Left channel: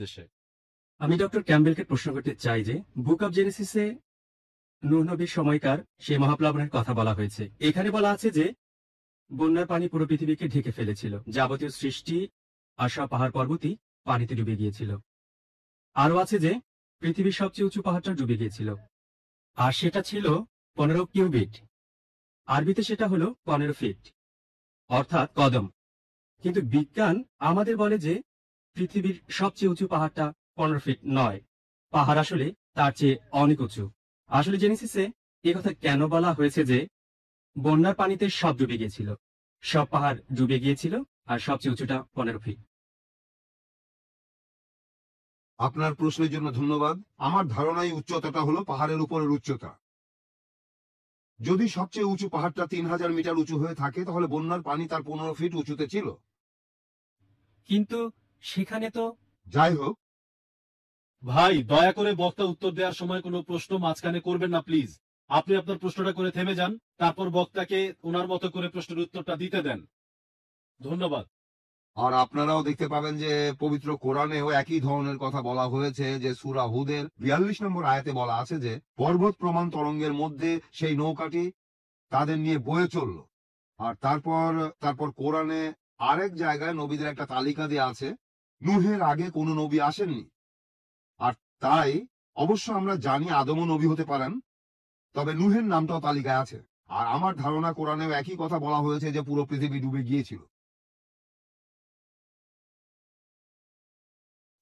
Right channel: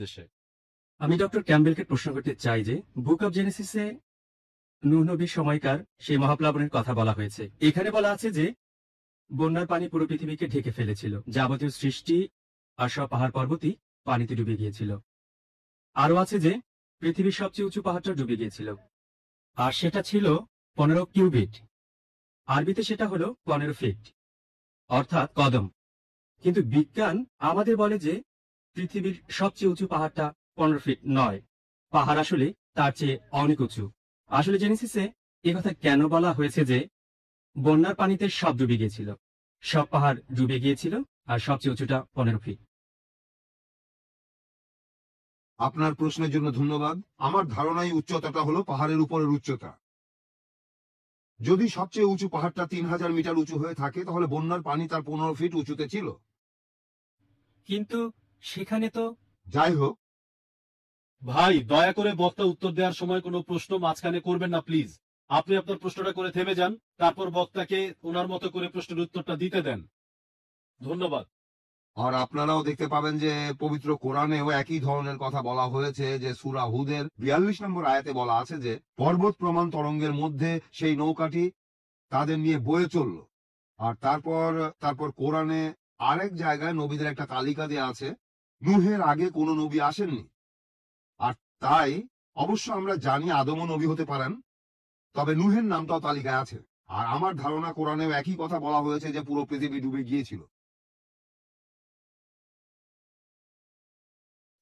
উদ্দেশ্যে। আমি ডক্টর ক্যাম্বেলকে প্রশ্ন করতে চাই যে বুক অব জেনেসিসে নূহ নবীর সময়কার সেই মহাপ্লাবনের কথা বলা হয়েছে। এখানে বলা আছে যে বন্যার পানি পুরো পৃথিবীকে ঢেকে ফেলেছিল, যাবতীয় সৃষ্টি আর সব পাহাড় পর্বতই পানিতে ডুবে গিয়েছিল। আরও আছে যে পৃথিবীর সবচেয়ে উঁচু পাহাড়টা ডুবে গিয়েছিল, আর সেটা ছিল 15 কিউবিট। আরবিতে সেটা হলো 15 ফিট, অর্থাৎ কদম। কিন্তু বিজ্ঞান আমাদের বলে যে পৃথিবীর সবচেয়ে উঁচু পাহাড়টা 15 ফিট নয়, পাহাড় আসলে তার চেয়ে অনেক উঁচু। আসলে জেনেসিসে এ কথা কেন বলা হয়েছে যে বন্যার পানিতে সব ডুবে গিয়েছিল, সব পাহাড় ডুবে গিয়েছিল, আর সবচেয়ে উঁচুটা 15 ফিট। আপনার প্রশ্নের জন্য ধন্যবাদ। আমার ধারণা এই উচ্চতাটা হলো পাহাড়ের উপরের উচ্চতা। যদি সবচেয়ে উঁচু পাহাড়টা 3000 মিটার উঁচু হয়ে থাকে তাহলে বন্যার পানি তার 15 ফিট উঁচুতে ছিল। কিন্তু সেখানে তো যাই হোক, ভাই, দয়া করে বক্তা উত্তর দেওয়ার সময় কোনো প্রশ্ন মাঝখানে করবেন না প্লিজ। আপনি আপনার প্রশ্নটা করে থেমে যান, তারপর বক্তাকে ওনার মতো করে প্রশ্নের উত্তরটা দিতে দেন। ধন্যবাদ। আর আপনারাও দেখতে পাবেন যে পবিত্র কোরআনেও একই ধরনের কথা বলা হয়েছে, যে সূরা হুদের 42 নম্বর আয়াতে বলা আছে যে পর্বত প্রমাণ তরঙ্গের মধ্যে সেই নৌকাটি তাদের নিয়ে বয়ে চলল। আর তারপর কোরআনে আরেক জায়গায় নবীদের একটা তালিকা দেওয়া আছে। নূহের আগে কোনো নবী আসেননি, আর তাই অবশ্য আমরা জানি আদমও নবী হতে পারেন, তবে নূহের নামটাও তালিকায় আছে। আর আমার ধারণা কোরআনেও একই কথা বলা হয়েছে যে পুরো পৃথিবী ডুবে গিয়েছিল।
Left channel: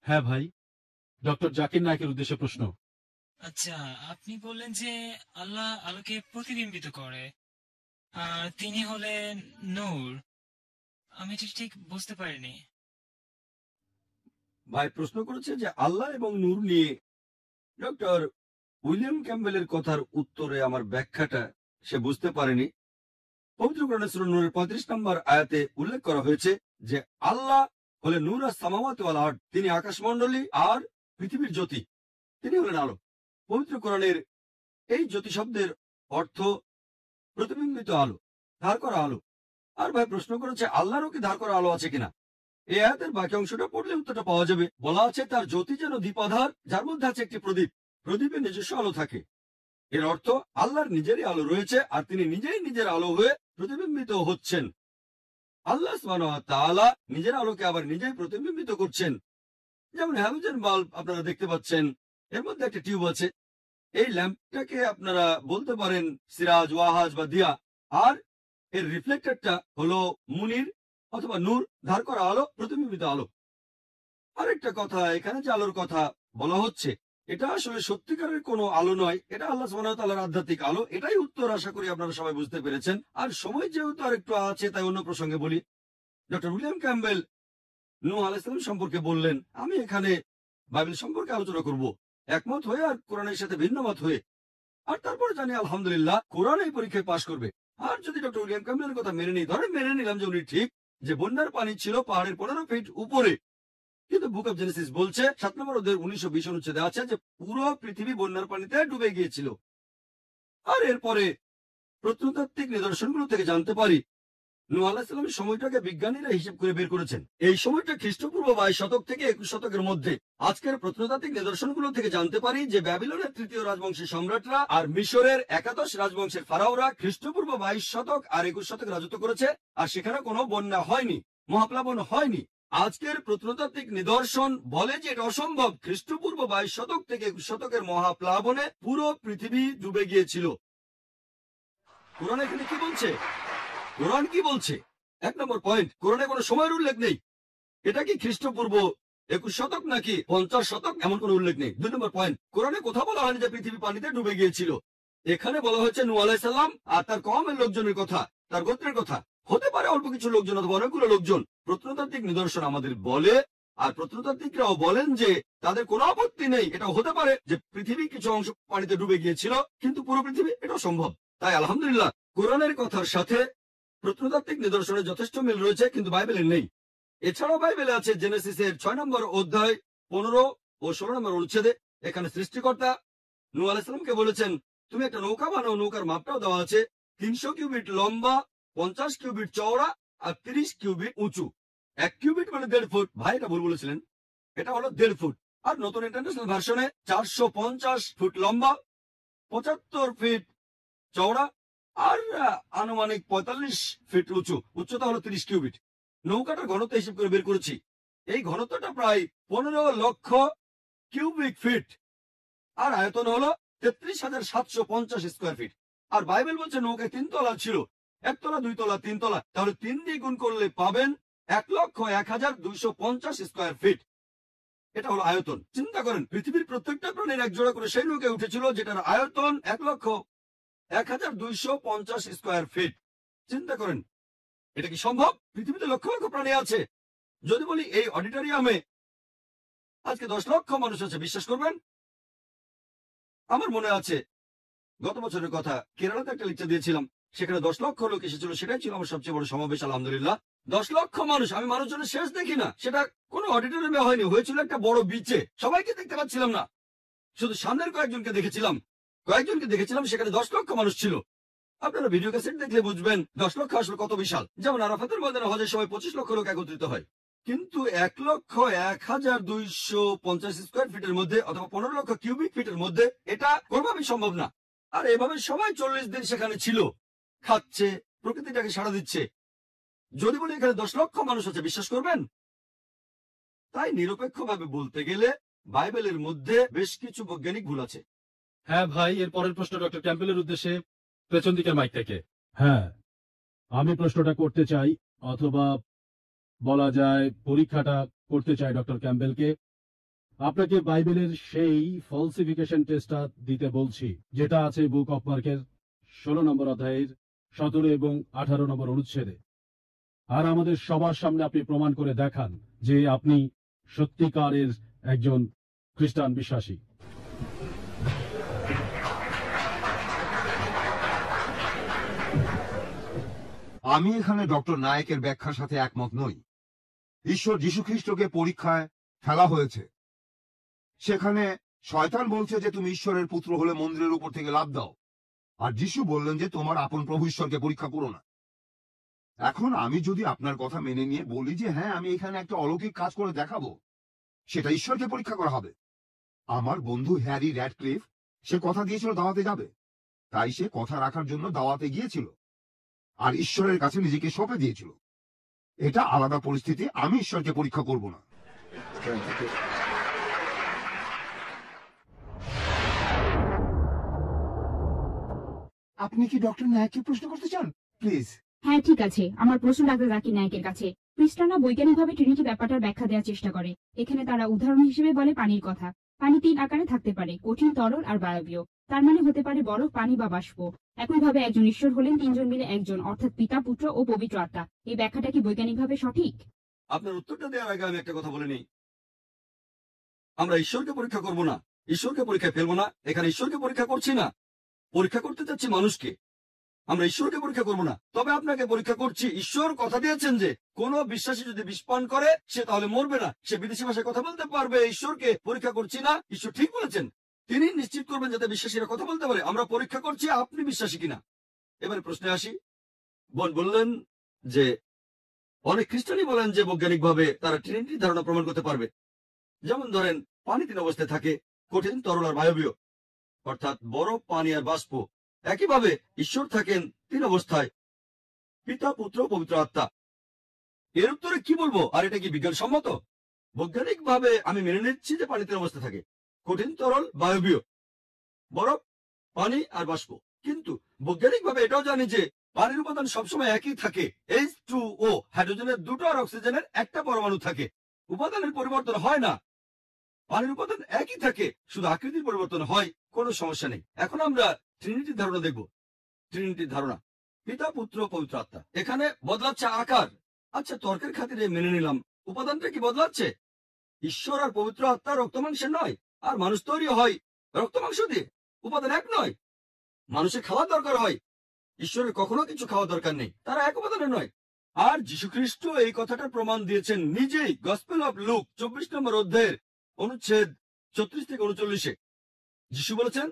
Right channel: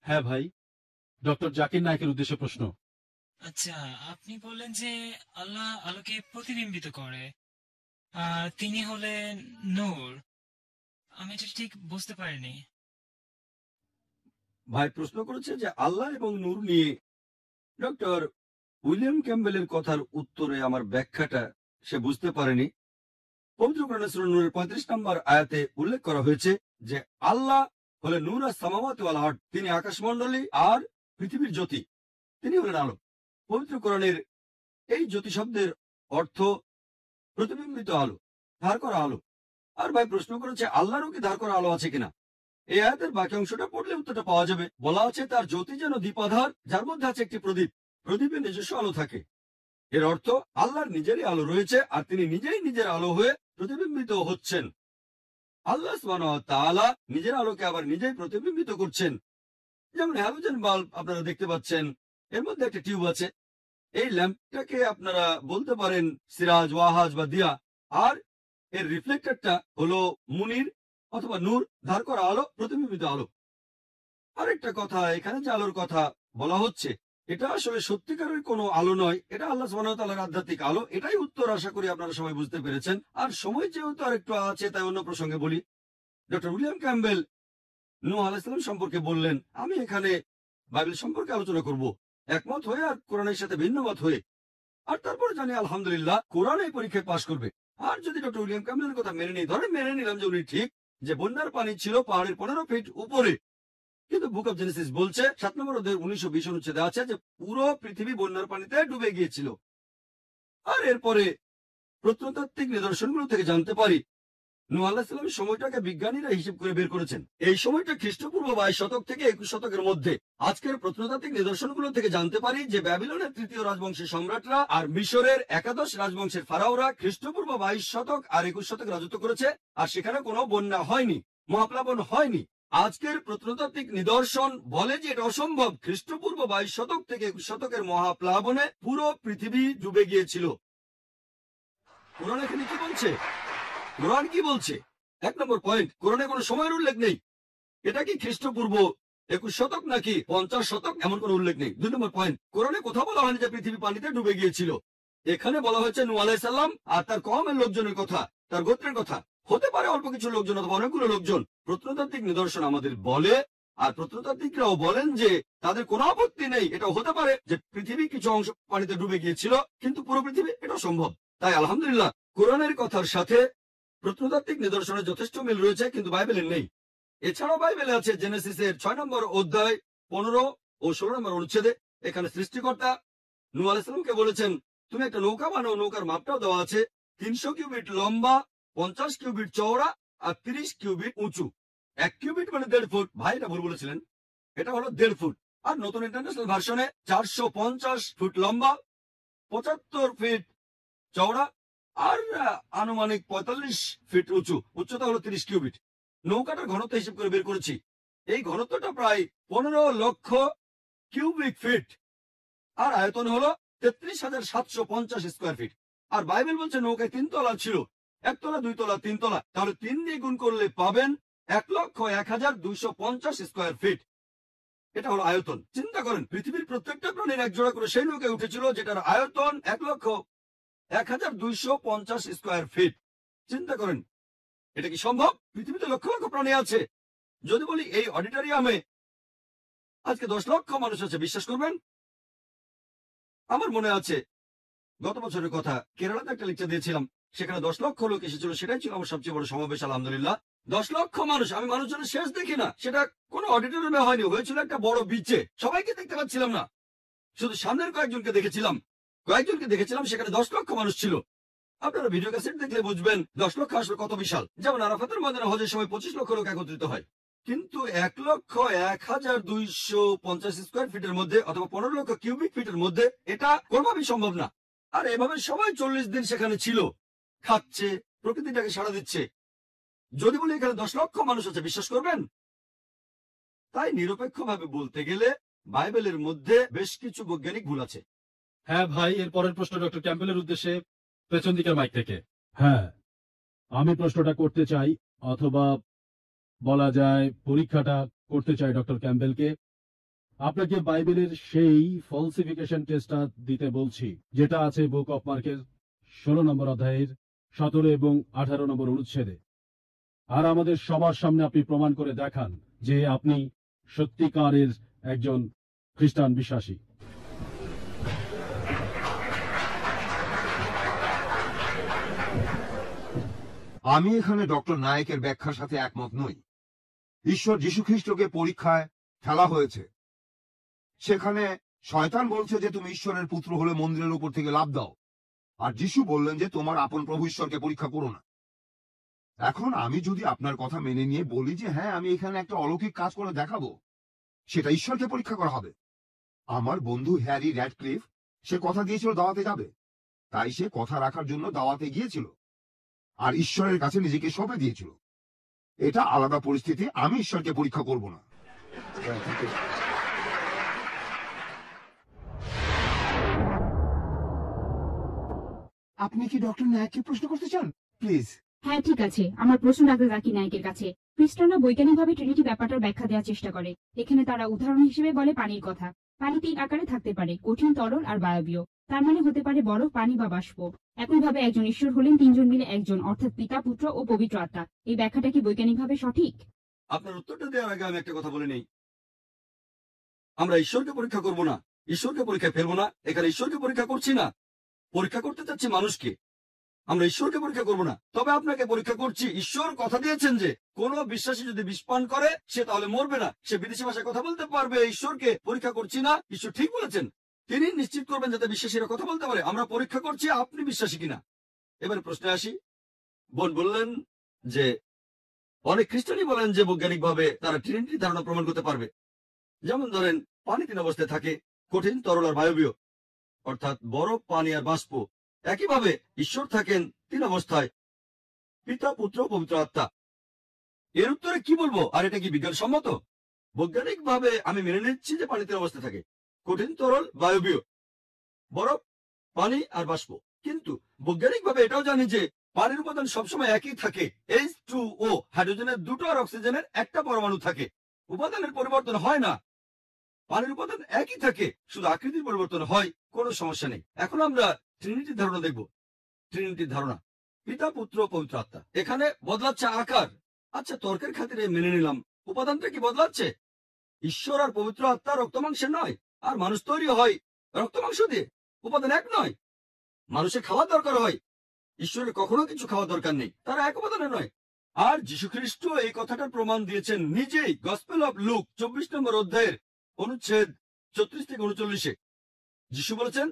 হ্যাঁ ভাই, ডক্টর জাকির নায়েকের উদ্দেশ্যে প্রশ্ন। আচ্ছা, আপনি বললেন যে আল্লাহ আলোকে প্রতিবিম্বিত করে, আর তিনি হলেন নূর। আমি এটা ঠিক বুঝতে পারিনি। ভাই প্রশ্ন করেছে যে আল্লাহ এবং নূর নিয়ে। ডক্টর উইলিয়াম ক্যাম্বেলের কথার উত্তরে আমার ব্যাখ্যাটা সে বুঝতে পারেনি। পবিত্র কোরআনে সূরা নূরের 35 নম্বর আয়াতে উল্লেখ করা হয়েছে যে আল্লাহ হলেন নূর আর সামাওয়াতি ওয়াল আরদ, তিনি আকাশমণ্ডলী আর পৃথিবীর জ্যোতি, তিনি হলেন আলো। পবিত্র কোরআনের এই জ্যোতি শব্দের অর্থ প্রতিবিম্বিত আলো, ধার করা আলো। আর ভাই প্রশ্ন করেছে আল্লাহরও কি ধার করা আলো আছে কিনা। এই আয়াতের বাকি অংশটা পড়লে উত্তরটা পাওয়া যাবে। বলা আছে তার জ্যোতি যেন দ্বীপাধার, যার মধ্যে আছে একটি প্রদীপ, প্রদীপে নিজস্ব আলো থাকে। এর অর্থ আল্লাহর নিজেরই আলো রয়েছে, আর তিনি নিজেই নিজের আলো হয়ে প্রতিবিম্বিত হচ্ছেন। আল্লাহ সুবহানাহু ওয়া তাআলা নিজের আলোকে আবার নিজেই প্রতিবিম্বিত করছেন। যেমন হ্যালোজেন বাল্ব আপনারা দেখতে পাচ্ছেন, এর মধ্যে একটা টিউব আছে। এই ল্যাম্পটাকে আপনারা বলতে পারেন সিরাজ, ওয়াহাজ বা দিয়া, আর এর রিফ্লেক্টরটা হলো মুনির অথবা নূর, ধার করা আলো, প্রতিবিম্বিত আলো। আরেকটা কথা, এখানে যে আলোর কথা বলা হচ্ছে এটা আসলে সত্যিকারের কোনো আলো নয়, এটা আল্লাহ সুবহানাহু ওয়া তাআলার আধ্যাত্মিক আলো। এটাই উত্তর, আশা করি আপনারা সবাই বুঝতে পেরেছেন। আর সময় যেহেতু আর একটু আছে তাই অন্য প্রসঙ্গে বলি। ডক্টর উইলিয়াম ক্যাম্বেল নূহ আলাইহিস সালাম সম্পর্কে বললেন, আমি এখানে বাইবেল সম্পর্কে আলোচনা করব, একমত হয়ে আর কোরআনের সাথে ভিন্ন মত হয়ে। আর তারপরে জানি আলহামদুলিল্লাহ কোরআন এই পরীক্ষায় পাশ করবে। আর যদি ডক্টর উইলিয়াম ক্যাম্বেলের কথা মেনে নিই, ধরে মেনে নিলাম যে উনি ঠিক, যে বন্যার পানি ছিল পাহাড়ের 15 ফিট উপরে, কিন্তু বুক অব জেনেসিস বলছে 7 নম্বর অধ্যায়ের 19-20 অনুচ্ছেদে আছে যে পুরো পৃথিবী বন্যার পানিতে ডুবে গিয়েছিল। আর এরপরে প্রত্নতাত্ত্বিক নিদর্শনগুলো থেকে জানতে পারি নূহ আলাইহিস সালামের সময়টাকে বিজ্ঞানীরা হিসেব করে বের করেছেন। এই সময়টা খ্রিস্টপূর্ব 22 শতক থেকে 21 শতকের মধ্যে। আজকের প্রত্নতাত্ত্বিক নিদর্শনগুলো থেকে জানতে পারি যে ব্যাবিলনের 3য় রাজবংশের সম্রাটরা আর মিশরের একাদশ রাজবংশের ফারাওরা খ্রিস্টপূর্ব 22 শতক আর 21 শতক রাজত্ব করেছে, আর সেখানে কোনো বন্যা হয়নি, মহাপ্লাবন হয়নি। আজকের প্রত্নতাত্ত্বিক নিদর্শন বলে যে এটা অসম্ভব। খ্রিস্টপূর্ব 22 শতক থেকে 21 শতকের মহাপ্লাবনে পুরো পৃথিবী ডুবে গিয়েছিল। কোরআন এখানে কি বলছে? কোরআন কি বলছে? 1 নম্বর পয়েন্ট, কোরআনে কোনো সময়ের উল্লেখ নেই। এটা কি খ্রিস্টপূর্ব 21 শতক নাকি 50 শতক, এমন কোনো উল্লেখ নেই। 2 নম্বর পয়েন্ট, কোরআনে কোথাও বলা হয়নি যে পৃথিবী পানিতে ডুবে গিয়েছিল। এখানে বলা হচ্ছে নূহ আলাইহিস সালাম আর তার কওমের লোকজনের কথা, তার গোত্রের কথা। হতে পারে অল্প কিছু লোকজন অথবা অনেকগুলো লোকজন। প্রত্নতাত্ত্বিক নিদর্শন আমাদের বলে, আর প্রত্নতাত্ত্বিকরাও বলেন যে তাদের কোনো আপত্তি নেই, এটা হতে পারে যে পৃথিবী কিছু অংশ পানিতে ডুবে গিয়েছিল, কিন্তু পুরো পৃথিবী এটা সম্ভব। তাই আলহামদুলিল্লাহ কোরআনের কথার সাথে প্রত্নতাত্ত্বিক নিদর্শনের যথেষ্ট মিল রয়েছে, কিন্তু বাইবেলের নেই। এছাড়াও বাইবেলে আছে জেনেসিসের 6 নম্বর অধ্যায় 15 ও 16 নম্বর অনুচ্ছেদে। এখানে সৃষ্টিকর্তা নূহ আলাইহিস সালামকে বলেছেন তুমি একটা নৌকা বানাও। নৌকার মাপটাও দেওয়া আছে, 300 কিউবিট লম্বা, 50 কিউবিট চওড়া আর 30 কিউবিট উঁচু। 1 কিউবিট মানে 1.5 ফুট। ভাই এটা ভুল বলেছিলেন, এটা হলো 1.5 ফুট। আর নতুন ইন্টারন্যাশনাল ভার্সনে 450 ফুট লম্বা, 75 ফিট চওড়া, আর আনুমানিক 45 ফিট উঁচু। উচ্চতা হলো 30 কিউবিট। নৌকাটার ঘনত্ব হিসেব করে বের করেছি। এই ঘনত্বটা প্রায় 15 লক্ষ কিউবিক ফিট, আর আয়তন হলো 33,750 স্কোয়ার ফিট। আর বাইবেল বলছে নৌকায় 3 তলা ছিল, 1 তলা 2 তলা 3 তলা, তাহলে 3 দিয়ে গুণ করলে পাবেন 1,01,250 স্কোয়ার ফিট। এটা হলো আয়তন। চিন্তা করেন, পৃথিবীর প্রত্যেকটা প্রাণীর এক জোড়া করে সেই নৌকায় উঠেছিল যেটার আয়তন 1,01,250 স্কোয়ার ফিট। চিন্তা করেন, এটা কি সম্ভব? পৃথিবীতে লক্ষ লক্ষ প্রাণী আছে। যদি বলি এই অডিটোরিয়ামে আজকে 10 লক্ষ মানুষ আছে, বিশ্বাস করবেন? আমার মনে আছে গত বছরের কথা, কেরালাতে একটা লেকচার দিয়েছিলাম, সেখানে 10 লক্ষ লোক এসেছিল। সেটাই ছিল আমার সবচেয়ে বড় সমাবেশ, আলহামদুলিল্লাহ। 10 লক্ষ মানুষ। আমি মানুষজনের শেষ দেখি না, সেটা কোনো অডিটোরিয়ামে হয়নি, হয়েছিল একটা বড় বিচে। সবাইকে দেখতে পাচ্ছিলাম না, শুধু সামনের কয়েকজনকে দেখেছিলাম। সেখানে 10 লক্ষ মানুষ ছিল। আপনারা ভিডিও ক্যাসেট দেখলে বুঝবেন 10 লক্ষ আসলে কত বিশাল। যেমন আরাফাতের ময়দানে হজের সময় 25 লক্ষ লোক একত্রিত হয়, কিন্তু 1,01,250 স্কোয়ার ফিটের মধ্যে অথবা 15 লক্ষ কিউবিক ফিটের মধ্যে এটা কোনোভাবেই সম্ভব না। আর এভাবে সবাই 40 দিন সেখানে ছিল, খাচ্ছে, প্রকৃতিটাকে সাড়া দিচ্ছে। যদি বলি এখানে 10 লক্ষ মানুষ আছে, বিশ্বাস করবেন? তাই নিরপেক্ষভাবে বলতে গেলে বাইবেলের মধ্যে বেশ কিছু বৈজ্ঞানিক ভুল আছে। হ্যাঁ ভাই, এর পরের প্রশ্ন ডক্টর ক্যাম্পবেলের উদ্দেশ্যে, পেছন দিকের মাইক থেকে। হ্যাঁ, আমি প্রশ্নটা করতে চাই, অথবা বলা যায় পরীক্ষাটা করতে চাই ডক্টর ক্যাম্পবেলকে। আপনাকে বাইবেলের সেই ফলসিফিকেশন টেস্টটা দিতে বলছি, যেটা আছে বুক অফ মার্কের 16 নম্বর অধ্যায়ের 17 এবং 18 নম্বর অনুচ্ছেদে। আর আমাদের সবার সামনে আপনি প্রমাণ করে দেখান যে আপনি সত্যিকারের একজন খ্রিস্টান বিশ্বাসী। আমি এখানে ডক্টর নায়েকের ব্যাখ্যার সাথে একমত নই। ঈশ্বর যীশুখ্রিস্টকে পরীক্ষায় ফেলা হয়েছে। সেখানে শয়তান বলছে যে তুমি ঈশ্বরের পুত্র হলে মন্দিরের উপর থেকে লাফ দাও, আর যীশু বললেন যে তোমার আপন প্রভু ঈশ্বরকে পরীক্ষা করো না। এখন আমি যদি আপনার কথা মেনে নিয়ে বলি যে হ্যাঁ, আমি এখানে একটা অলৌকিক কাজ করে দেখাবো, সেটা ঈশ্বরকে পরীক্ষা করা হবে। আমার বন্ধু হ্যারি র্যাডক্লিফ, সে কথা দিয়েছিল দাওয়াতে যাবে, তাই সে কথা রাখার জন্য দাওয়াতে গিয়েছিল আর ঈশ্বরের কাছে নিজেকে সঁপে দিয়েছিল। এটা আলাদা পরিস্থিতি, আমি ঈশ্বরকে পরীক্ষা করব না। আপনি কি ডক্টর নায়ককে প্রশ্ন করতে চান? প্লিজ। হ্যাঁ ঠিক আছে, আমার প্রশ্ন ডাক্তার জাকির নায়েকের কাছে। খ্রিস্টানরা বৈজ্ঞানিকভাবে ট্রিনিটি ব্যাপারটার ব্যাখ্যা দেওয়ার চেষ্টা করে। এখানে তারা উদাহরণ হিসেবে বলে পানির কথা। পানি 3 আকারে থাকতে পারে, কঠিন, তরল আর বায়বীয়। তার মানে হতে পারে বরফ, পানি বা বাষ্প। একইভাবে একজন ঈশ্বর হলেন 3 জন মিলে একজন, অর্থাৎ পিতা, পুত্র ও পবিত্র আত্মা। এই ব্যাখ্যাটা কি বৈজ্ঞানিকভাবে সঠিক? আপনার উত্তরটা দেওয়ার আগে আমি একটা কথা বলে নিই। আমরা ঈশ্বরকে পরীক্ষা করব না, ঈশ্বরকে পরীক্ষায় ফেলবো না। এখানে ঈশ্বরকে পরীক্ষা করছি না, পরীক্ষা করতে চাচ্ছি মানুষকে। আমরা ঈশ্বরকে পরীক্ষা করব না, তবে আপনাকে পরীক্ষা করছি। ঈশ্বর কথা দিয়েছেন যে কোন বিশ্বাসী যদি বিষ পান করে সে তাহলে মরবে না, সে বিদেশি ভাষায় কথা বলতে পারবে। ঈশ্বরকে পরীক্ষা করছি না, ঈশ্বর ঠিক বলেছেন। তিনি নিশ্চিত করবেন যাতে বিশ্বাসীরা কথা বলতে পারে। আমরা পরীক্ষা করছি আপনি বিশ্বাসী কিনা। এবারে প্রশ্নে আসি। বোন বললেন যে অনেক খ্রিস্টানই বলেন যে বৈজ্ঞানিকভাবে তারা ট্রিনিটির ধারণা প্রমাণ করতে পারবে। যেমন ধরেন, পানি 3 অবস্থায় থাকে, কঠিন, তরল আর বায়বীয়, অর্থাৎ বরফ, পানি আর বাষ্প। একইভাবে ঈশ্বর থাকেন 3 অবস্থায়, পিতা, পুত্র, পবিত্র আত্মা। এর উত্তরে কি বলবো? আর এটা কি বিজ্ঞানসম্মত? বৈজ্ঞানিকভাবে আমি মেনে নিচ্ছি যে পানি 3 অবস্থায় থাকে, কঠিন, তরল, বায়বীয়, বরফ, পানি আর বাষ্প। কিন্তু বৈজ্ঞানিকভাবে এটাও জানি যে পানির উপাদান সবসময় একই থাকে, H2O, হাইড্রোজেনের 2টো আর অক্সিজেনের 1টা পরমাণু থাকে। উপাদানের পরিবর্তন হয় না, পানির উপাদান একই থাকে, শুধু আকৃতির পরিবর্তন হয়। কোনো সমস্যা নেই। এখন আমরা ট্রিনিটির ধারণা দেখব। ট্রিনিটির ধারণা, পিতা, পুত্র, পবিত্র আত্মা। এখানে বদলাচ্ছে আকার। আচ্ছা, তর্কের খাতিরে মেনে নিলাম উপাদানটা কি বদলাচ্ছে। ঈশ্বর আর পবিত্র আত্মা রক্ত মাংসের নয়, আর মানুষ তৈরি হয় রক্ত মাংস দিয়ে। উপাদান এক নয়। মানুষের খাওয়া দরকার হয়, ঈশ্বরের কখনো কিছু খাওয়া দরকার নেই, তারা এক উপাদানের নয়। আর যীশুখ্রিস্ট এই কথাটা প্রমাণ দিয়েছেন নিজেই। গসপেল অফ লুক 24 নম্বর অধ্যায়ের অনুচ্ছেদ 34 থেকে 39-এ যীশু বলেছেন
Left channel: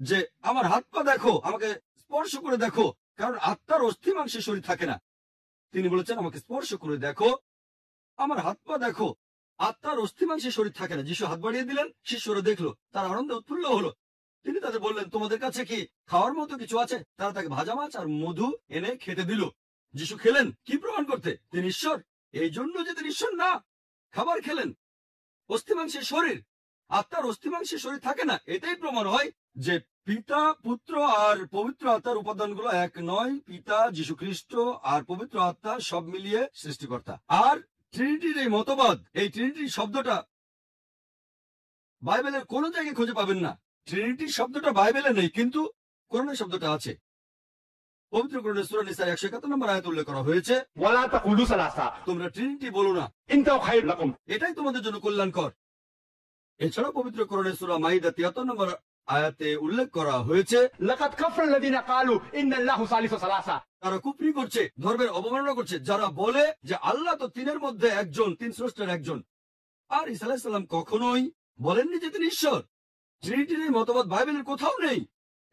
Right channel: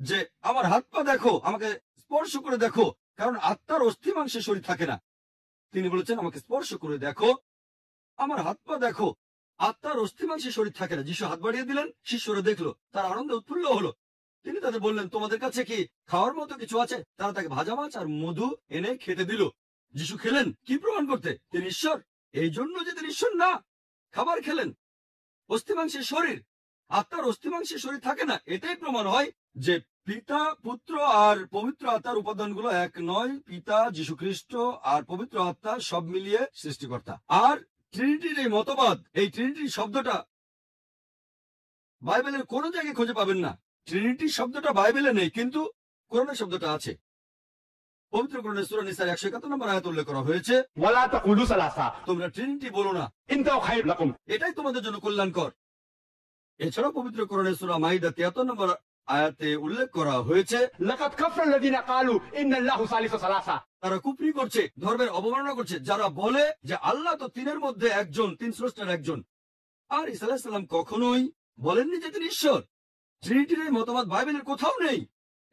যে আমার হাত পা দেখো, আমাকে স্পর্শ করে দেখো, কারণ আত্মার অস্থি মাংসের শরীর থাকে না। তিনি বলেছেন আমাকে স্পর্শ করে দেখো, আমার হাত পা দেখো, আত্মার অস্থিমাংসে শরীর থাকে না। যিশু হাত বাড়িয়ে দিলেন, শিষ্যরা দেখলো, তার আনন্দে উৎফুল্ল হলো। তিনি তাদের বললেন, তোমাদের কাছে কি খাওয়ার মতো কিছু আছে? তারা তাকে ভাজা মাছ আর মধু এনে খেতে দিল। যিশু খেলেন কি প্রমাণ করতে? তিনি ঈশ্বর। এই জন্য যে তিনি ঈশ্বর না, খাবার খেলেন। অস্থিমাংসের শরীর, আত্মার অস্থিমাংসের শরীর থাকে না। এটাই প্রমাণ হয় যে পিতা, পুত্র আর পবিত্র আত্মার উপাদানগুলো এক নয়। পিতা, যীশু খ্রিস্ট আর পবিত্র আত্মা সব মিলিয়ে সৃষ্টিকর্তা। আর ট্রিনিটির এই মতবাদ, এই ট্রিনিটি শব্দটা বাইবেলের কোন জায়গায় খুঁজে পাবেন না। ট্রিনিটি শব্দটা বাইবেলে নেই, কিন্তু কোরআনে শব্দটা আছে। পবিত্র কোরআনে সূরা নিসার 171 নম্বর আয়াতে উল্লেখ করা হয়েছে, ওয়ালা তাকুলু সালাসা, তোমরা ট্রিনিটি বলো না, ইনতাও খায়রুল লাকুম, এটাই তোমাদের জন্য কল্যাণকর। এছাড়াও পবিত্র কোরআনে সূরা মাইদা 73 নম্বর আয়াতে উল্লেখ করা হয়েছে, লাকাদ কাফারা আল্লাযিনা ক্বালু ইন্নাল্লাহু সালিসু সালাসা, তারা কুফরি করছে, ধর্মের অবমাননা করছে, যারা বলে যে আল্লাহ তো তিনের মধ্যে একজন, তিন স্রষ্টার একজন। আর ঈসা আলাইহিস সালাম কখনোই বলেননি যে তিনি ঈশ্বর। ট্রিনিটির এই মতবাদ বাইবেলের কোথাও নেই।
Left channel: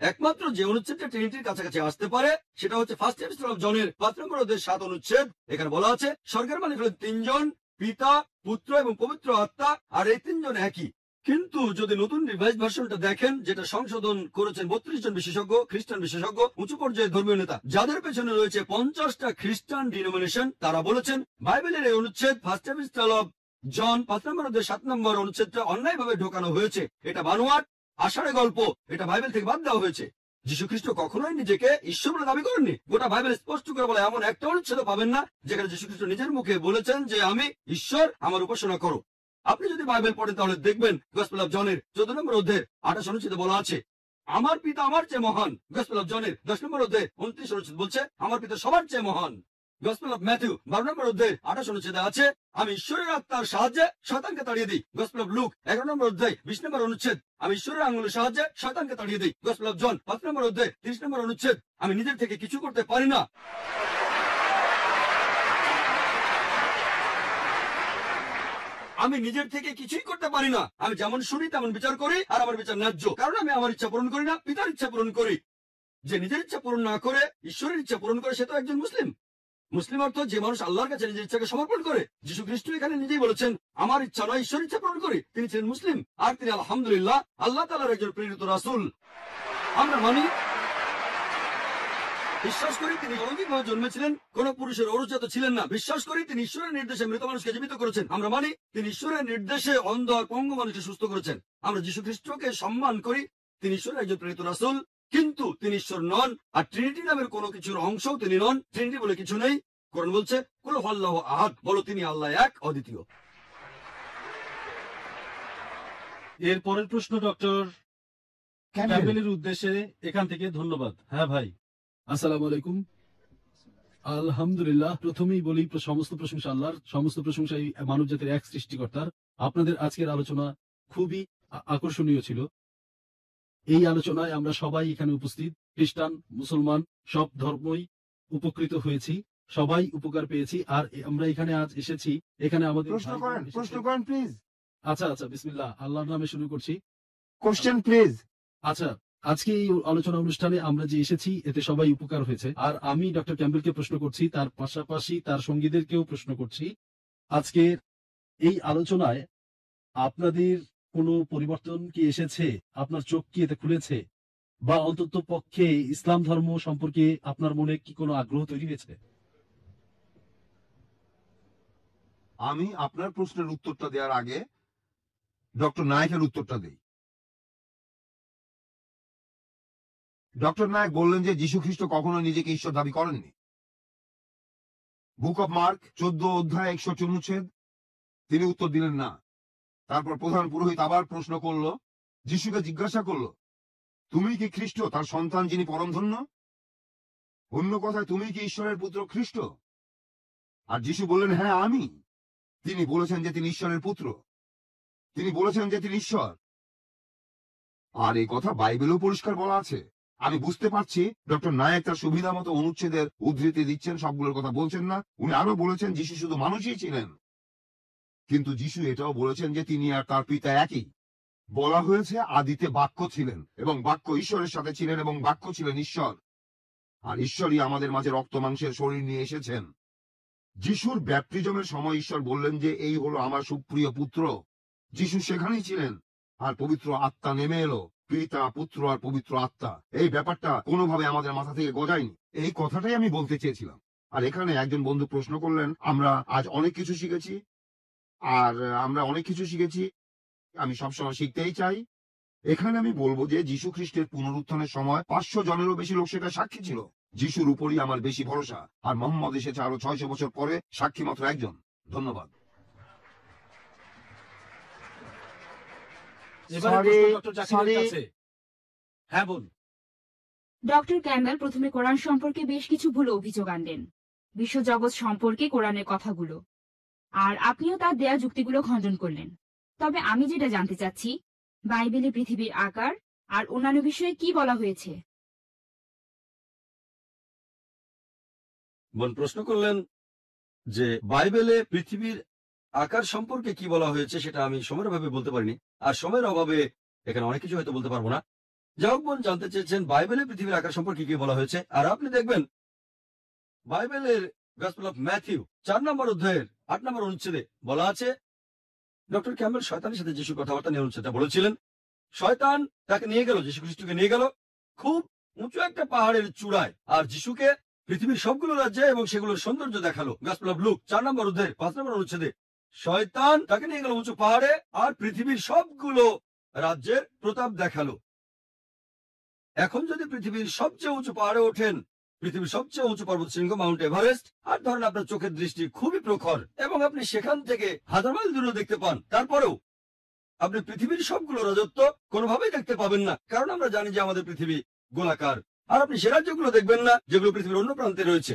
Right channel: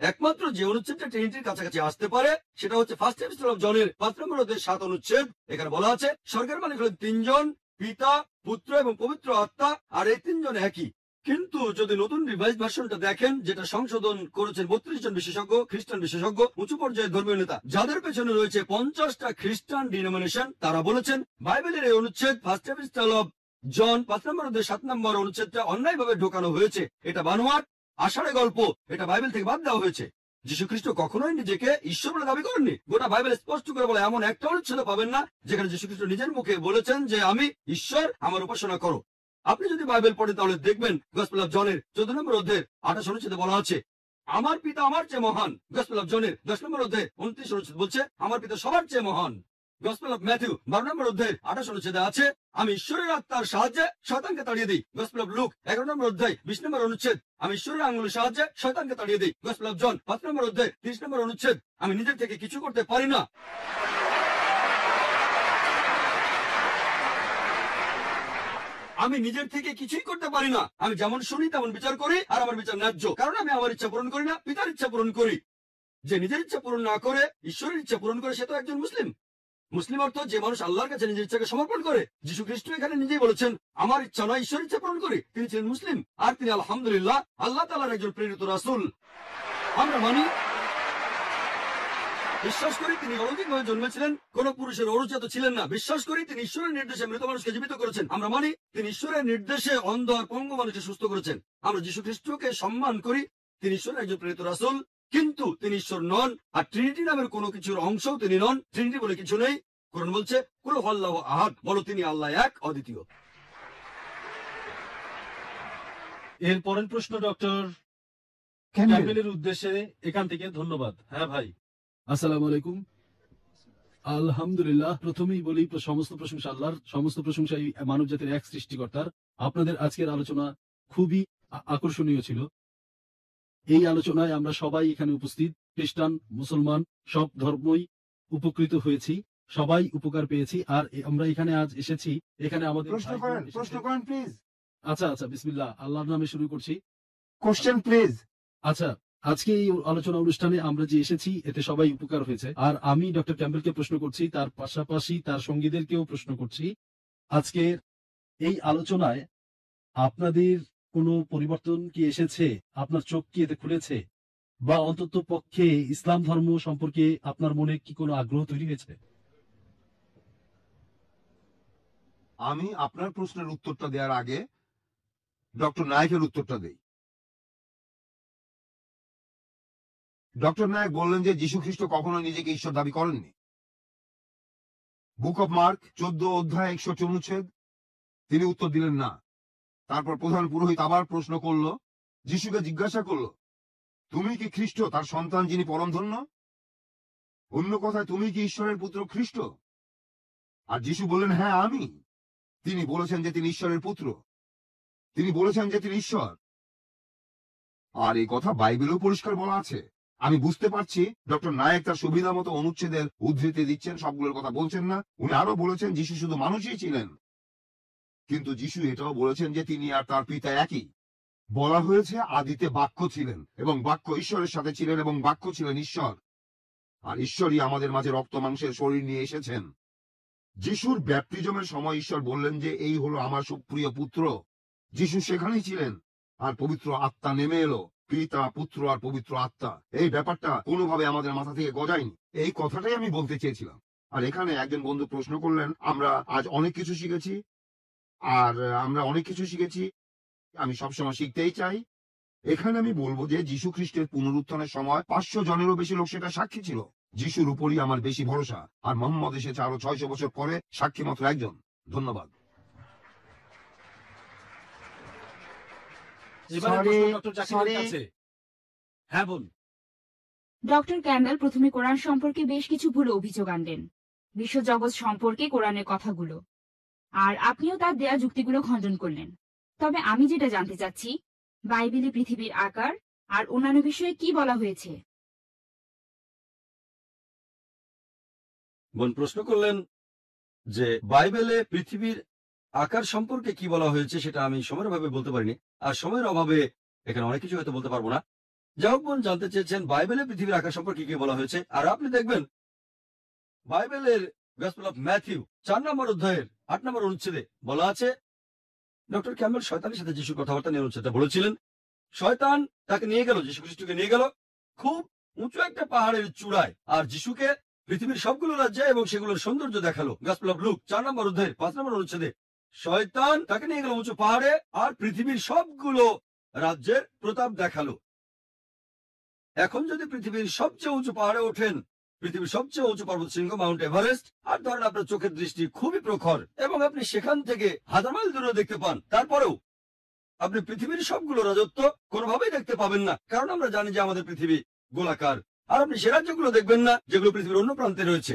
একমাত্র যে অনুচ্ছেদটা ট্রিনিটির কাছাকাছি আসতে পারে সেটা হচ্ছে ফার্স্ট এপিস্টল অফ জনের 5 নম্বর অধ্যায়ের 7 অনুচ্ছেদ। এখানে বলা আছে, স্বর্গের মালিক হলেন তিনজন, পিতা, পুত্র এবং পবিত্র আত্মা, আর এই তিনজন একই। কিন্তু যদি নতুন রিভাইজ ভার্সনটা দেখেন, যেটা সংশোধন করেছেন 32 জন বিশেষজ্ঞ, খ্রিস্টান বিশেষজ্ঞ, উঁচু পর্যায়ের ধর্মীয় নেতা, যাদের পেছনে রয়েছে 50টা খ্রিস্টান ডিনোমিনেশন, তারা বলেছেন বাইবেলের এই অনুচ্ছেদ ফার্স্ট এপিস্টল অফ জন 5 নম্বর অধ্যায় 7 নম্বর অনুচ্ছেদটা অন্যায়ভাবে ঢোকানো হয়েছে। এটা বানোয়াট, আষাঢ়ে গল্প, এটা বাইবেল থেকে বাদ দেওয়া হয়েছে। যীশু খ্রিস্ট কখনোই নিজেকে ঈশ্বর বলে দাবি করেননি। গোটা বাইবেল স্পষ্ট করে বলে, এমন একটা অনুচ্ছেদ পাবেন না যেখানে যীশু খ্রিস্ট নিজের মুখে বলেছেন যে আমি ঈশ্বর, আমার উপাসনা করো। আপনি যদি বাইবেল পড়েন তাহলে দেখবেন গসপেল অফ জনের 14 নম্বর অধ্যায়ের 28 অনুচ্ছেদে বলা আছে, আমার পিতা আমার চেয়ে মহান। গসপেল অফ জনের 10 নম্বর অধ্যায় 29 অনুচ্ছেদ বলছে, আমার পিতা সবার চেয়ে মহান। গসপেল অফ ম্যাথিউ 12 নম্বর অধ্যায়ের 28 অনুচ্ছেদে আছে, আমি ঈশ্বরের আত্মার সাহায্যে শয়তানকে তাড়িয়ে দিই। গসপেল অফ লুক 11 নম্বর অধ্যায় 20 নম্বর অনুচ্ছেদ, আমি ঈশ্বরের আঙুলের সাহায্যে শয়তানকে তাড়িয়ে দিই। গসপেল অফ জন 5 নম্বর অধ্যায় 30 নম্বর অনুচ্ছেদ, আমি নিজের থেকে কিছু করতে পারি না। আমি নিজের থেকে কিছুই করতে পারি না। আমি যেমন শুনি তেমন বিচার করি, আর আমার বিচার ন্যায্য, কারণ আমি আমার ইচ্ছা পূরণ করি না, পিতার ইচ্ছা পূরণ করি। যে নিজের ইচ্ছা পূরণ না করে ঈশ্বরের ইচ্ছা পূরণ করে, সে তো একজন মুসলিম। মুসলিম অর্থ যে মানুষ আল্লাহর কাছে নিজের ইচ্ছাকে সমর্পণ করে। যীশু খ্রিস্ট এখানে নিজেই বলেছেন, আমার ইচ্ছা নয়, ঈশ্বরের ইচ্ছা পূরণ করি। তিনি ছিলেন মুসলিম, আর তিনি আলহামদুলিল্লাহ আল্লাহ তাআলার একজন প্রেরিত রাসূল। আমরা মানি, বিশ্বাস করি তিনি অলৌকিকভাবে জন্মেছিলেন, কোন পুরুষের ঔরজাত ছিলেন না। বিশ্বাস করি তিনি ঈশ্বরের নির্দেশে মৃত মানুষকে জীবিত করেছেন। আমরা মানি তিনি ঈশ্বরের নির্দেশে অন্ধ আর পঙ্গু মানুষকে সুস্থ করেছেন। আমরা যীশু খ্রিস্টকে সম্মান করি, তিনি ঈশ্বরের একজন প্রেরিত রাসূল, কিন্তু তিনি ঈশ্বর নন। আর ট্রিনিটি নামের কোনো কিছুর অংশও তিনি নন। ট্রিনিটি বলে কিছু নেই। কোরআন বলছে, কুল হুয়াল্লাহু আহাদ, বলো তিনি আল্লাহ এক, অদ্বিতীয়। এর পরের প্রশ্ন ডক্টর ক্যাম্বেল। ক্যাম্বেলের উদ্দেশ্যে এখান থেকে। ধন্যবাদ। হ্যাঁ ভাই, আসসালামু আলাইকুম। আলহামদুলিল্লাহ, প্রথমেই বলি সমস্ত প্রশংসা আল্লাহর, সমস্ত প্রশংসা এই মানব জাতির এক সৃষ্টিকর্তার। আপনাদের আজকের আলোচনা খুবই আকর্ষণীয় ছিল। এই আলোচনায় আমরা সবাই এখানে উপস্থিত, খ্রিস্টান, মুসলমান, সব ধর্মই উপকৃত হয়েছি, সবাই উপকার পেয়েছি। আর আমরা এখানে আজ এসেছি, এখানে আমাদের প্রশ্ন ভাই বোন করেন, এসেছেন। প্রশ্ন করেন প্লিজ। আচ্ছা, বিসমিল্লাহ, আল্লাহর নামে শুরু করছি। Question please. আচ্ছা, আজকে এই আলোচনা অনুষ্ঠানে আমরা যে এসেছি, এতে সবাই উপকার হয়েছে। আর আমি ডক্টর ক্যাম্বেলকে প্রশ্ন করছি, তার পাশাপাশি তার সঙ্গীদেরকেও প্রশ্ন করছি, আজকের এই আলোচনায় আপনাদের কোনো পরিবর্তন কি এসেছে? আপনার চোখ কি এতে খুলেছে? বা অন্তত পক্ষে ইসলাম ধর্ম সম্পর্কে আপনার মনে কি কোনো আগ্রহ তৈরি হয়েছে? আমি আপনার প্রশ্নের উত্তরটা দেওয়ার আগে ডক্টর নায়কের উত্তরটা দেই। ডক্টর নায়ক বললেন যে যীশু খ্রিস্ট কখনো নিজেকে ঈশ্বর দাবি করেননি। বুক অফ মার্ক 14 অধ্যায় 61 অনুচ্ছেদ, তিনি উত্তর দিলেন না। তারপর প্রধান পুরোহিত আবার প্রশ্ন করলো, যীশুকে জিজ্ঞাসা করলো, তুমি কি খ্রিস্ট, তার সন্তান যিনি পরমধন্য? অন্য কথায়, তুমি কি ঈশ্বরের পুত্র খ্রিস্ট? আর যীশু বললেন, হ্যাঁ আমি। তিনি বলেছেন যে তিনি ঈশ্বরের পুত্র, তিনি বলেছেন যে তিনি ঈশ্বর। আর এই কথা বাইবেলও পরিষ্কার বলা আছে। আমি বুঝতে পারছি ডক্টর নায়ক তার সুবিধা মতো অনুচ্ছেদের উদ্ধৃতি দিচ্ছেন, সবগুলোর কথা বলছেন না। উনি আরো বলেছেন যীশু শুধু মানুষই ছিলেন, কিন্তু যীশু এটাও বলেছেন যে তিনি আর তার পিতা একই। বলা হয়েছে আদিতে বাক্য ছিলেন, এবং বাক্য ঈশ্বরের সাথে ছিলেন, এবং বাক্য ছিলেন ঈশ্বর। আর ঈশ্বরই আমাদের মাঝে রক্ত মাংসের শরীর নিয়ে এসেছেন। যিশুর ব্যাপটিজমের সময় ঈশ্বর বললেন যে এই হলো আমার সুপ্রিয় পুত্র। যিশু সেখানেই ছিলেন, আর পবিত্র আত্মা নেমে এলো, পিতা, পুত্র আর পবিত্র আত্মা। এই ব্যাপারটা কোনোভাবে আমাদের মাথা থেকে গজায়নি। এই কথাটাই আমি বলতে চেয়েছিলাম। আর এখানে একজন বন্ধু প্রশ্ন করলেন, আমরা আজ অনেক কিছু শিখেছি, আর আমরা অনেক কিছু শিখেছি, আমি সবসময় শিখতেই চাই। এখানে আমি বলবো যে যীশু খ্রিস্টের পুনরুত্থানের সময় 500 জনেরও বেশি লোক সেটা সাক্ষী ছিল। যিশুর উপরই আমার বেশি ভরসা, আর মোহাম্মদ এসেছে আরো 600 বছর পরে, সাক্ষী মাত্র একজন। ধন্যবাদ। এবারে Sorry, প্রশ্ন ডক্টর জাকিরের sorry. কাছে। হ্যাঁ বোন। ডক্টর ক্যাম্বেল প্রথমে কোরআন সম্পর্কে বেশ কিছু ভুল অভিযোগ আনলেন, বিশ্বজগৎ সম্পর্কে কোরআনের কথাগুলো, আর আপনিও তার দেয়া যুক্তিগুলো খণ্ডন করলেন। তবে আমি যেটা জানতে চাচ্ছি, বাইবেলে পৃথিবীর আকার আর অন্যান্য বিষয়ে কি বলা হয়েছে? বোন প্রশ্ন করলেন যে বাইবেলে পৃথিবীর আকার সম্পর্কে কি বলা হয়েছে, সেটা আমি সময়ের অভাবে বলতে পারিনি, আর সময়ের অভাবে এখানে অনেক কিছু হয়তো বলতে পারবো না। যাই হোক, বোন জানতে চেয়েছেন বাইবেলে পৃথিবীর আকার সম্পর্কে কি বলা হয়েছে। আর আপনি দেখবেন বাইবেলের গসপেল অফ ম্যাথিউ 4 নম্বর অধ্যায়ের 8 নম্বর অনুচ্ছেদে বলা আছে, ডক্টর ক্যাম্বেল শয়তানের সাথে যিশু কথাবার্তা নিয়ে অনুচ্ছেদটা বলেছিলেন। শয়তান তাকে নিয়ে গেল, যিশু খ্রিস্টকে নিয়ে গেল খুব উঁচু একটা পাহাড়ের চূড়ায়, আর যিশুকে পৃথিবীর সবগুলো রাজ্যে এবং সেগুলোর সৌন্দর্য দেখালো। গসপেল অফ লুক 4 নম্বর অধ্যায়ের 5 নম্বর অনুচ্ছেদে শয়তান তাকে নিয়ে গেল উঁচু পাহাড়ে আর পৃথিবীর সবগুলো রাজ্যের প্রতাপ দেখালো। এখন যদি পৃথিবীর সবচেয়ে উঁচু পাহাড়ে ওঠেন, পৃথিবীর সবচেয়ে উঁচু পর্বত শৃঙ্গ মাউন্ট এভারেস্ট, আর ধরেন আপনার চোখের দৃষ্টি খুবই প্রখর এবং আপনি সেখান থেকে 1000 মাইল দূরে দেখতে পান, তারপরেও আপনি পৃথিবীর সবগুলো রাজত্ব কোনোভাবেই দেখতে পাবেন না, কারণ আমরা জানি যে আমাদের পৃথিবী গোলাকার। আর আপনি সে রাজ্যগুলো দেখবেন না যেগুলো পৃথিবীর অন্য প্রান্তে রয়েছে।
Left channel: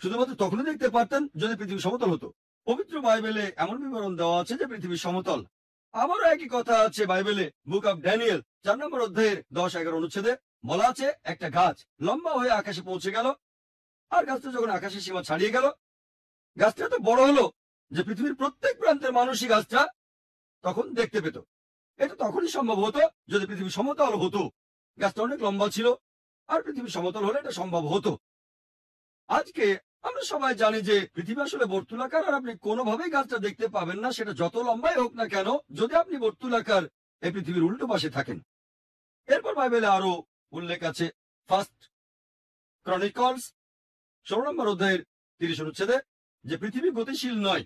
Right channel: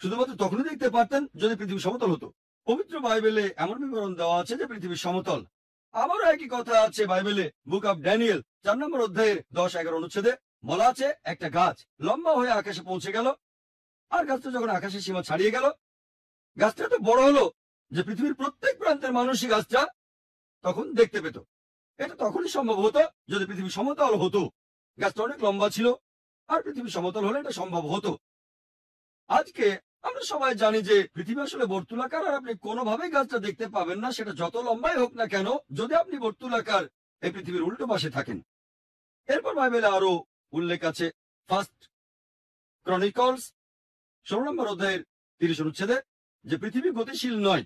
শুধুমাত্র তখনই দেখতে পারতেন যদি পৃথিবী সমতল হতো। পবিত্র বাইবেলে এমন বিবরণ দেওয়া আছে যে পৃথিবী সমতল। আবারও একই কথা আছে বাইবেলে বুক অফ ড্যানিয়েল 4 নম্বর অধ্যায়ের 10-11 অনুচ্ছেদে বলা আছে, একটা গাছ লম্বা হয়ে আকাশে পৌঁছে গেল, আর গাছটা যখন আকাশের সীমা ছাড়িয়ে গেল, গাছটা এত বড় হলো যে পৃথিবীর প্রত্যেক প্রান্তের মানুষই গাছটা তখন দেখতে পেত। এটা তখনই সম্ভব হতো যদি পৃথিবী সমতল হতো। গাছটা অনেক লম্বা ছিল, আর পৃথিবী সমতল হলে এটা সম্ভব হতো। আজকে আমরা সবাই জানি যে পৃথিবী আসলে বর্তুলাকার, আর আপনি কোনোভাবেই গাছটা দেখতে পাবেন না, সেটা যত লম্বাই হোক না কেন, যদি আপনি বর্তুলাকার এই পৃথিবীর উল্টো পাশে থাকেন। এরপর বাইবেলে আরো উল্লেখ আছে, ফার্স্ট ক্রনিকলস 16 নম্বর অধ্যায়ের 30 অনুচ্ছেদে, যে পৃথিবী গতিশীল নয়।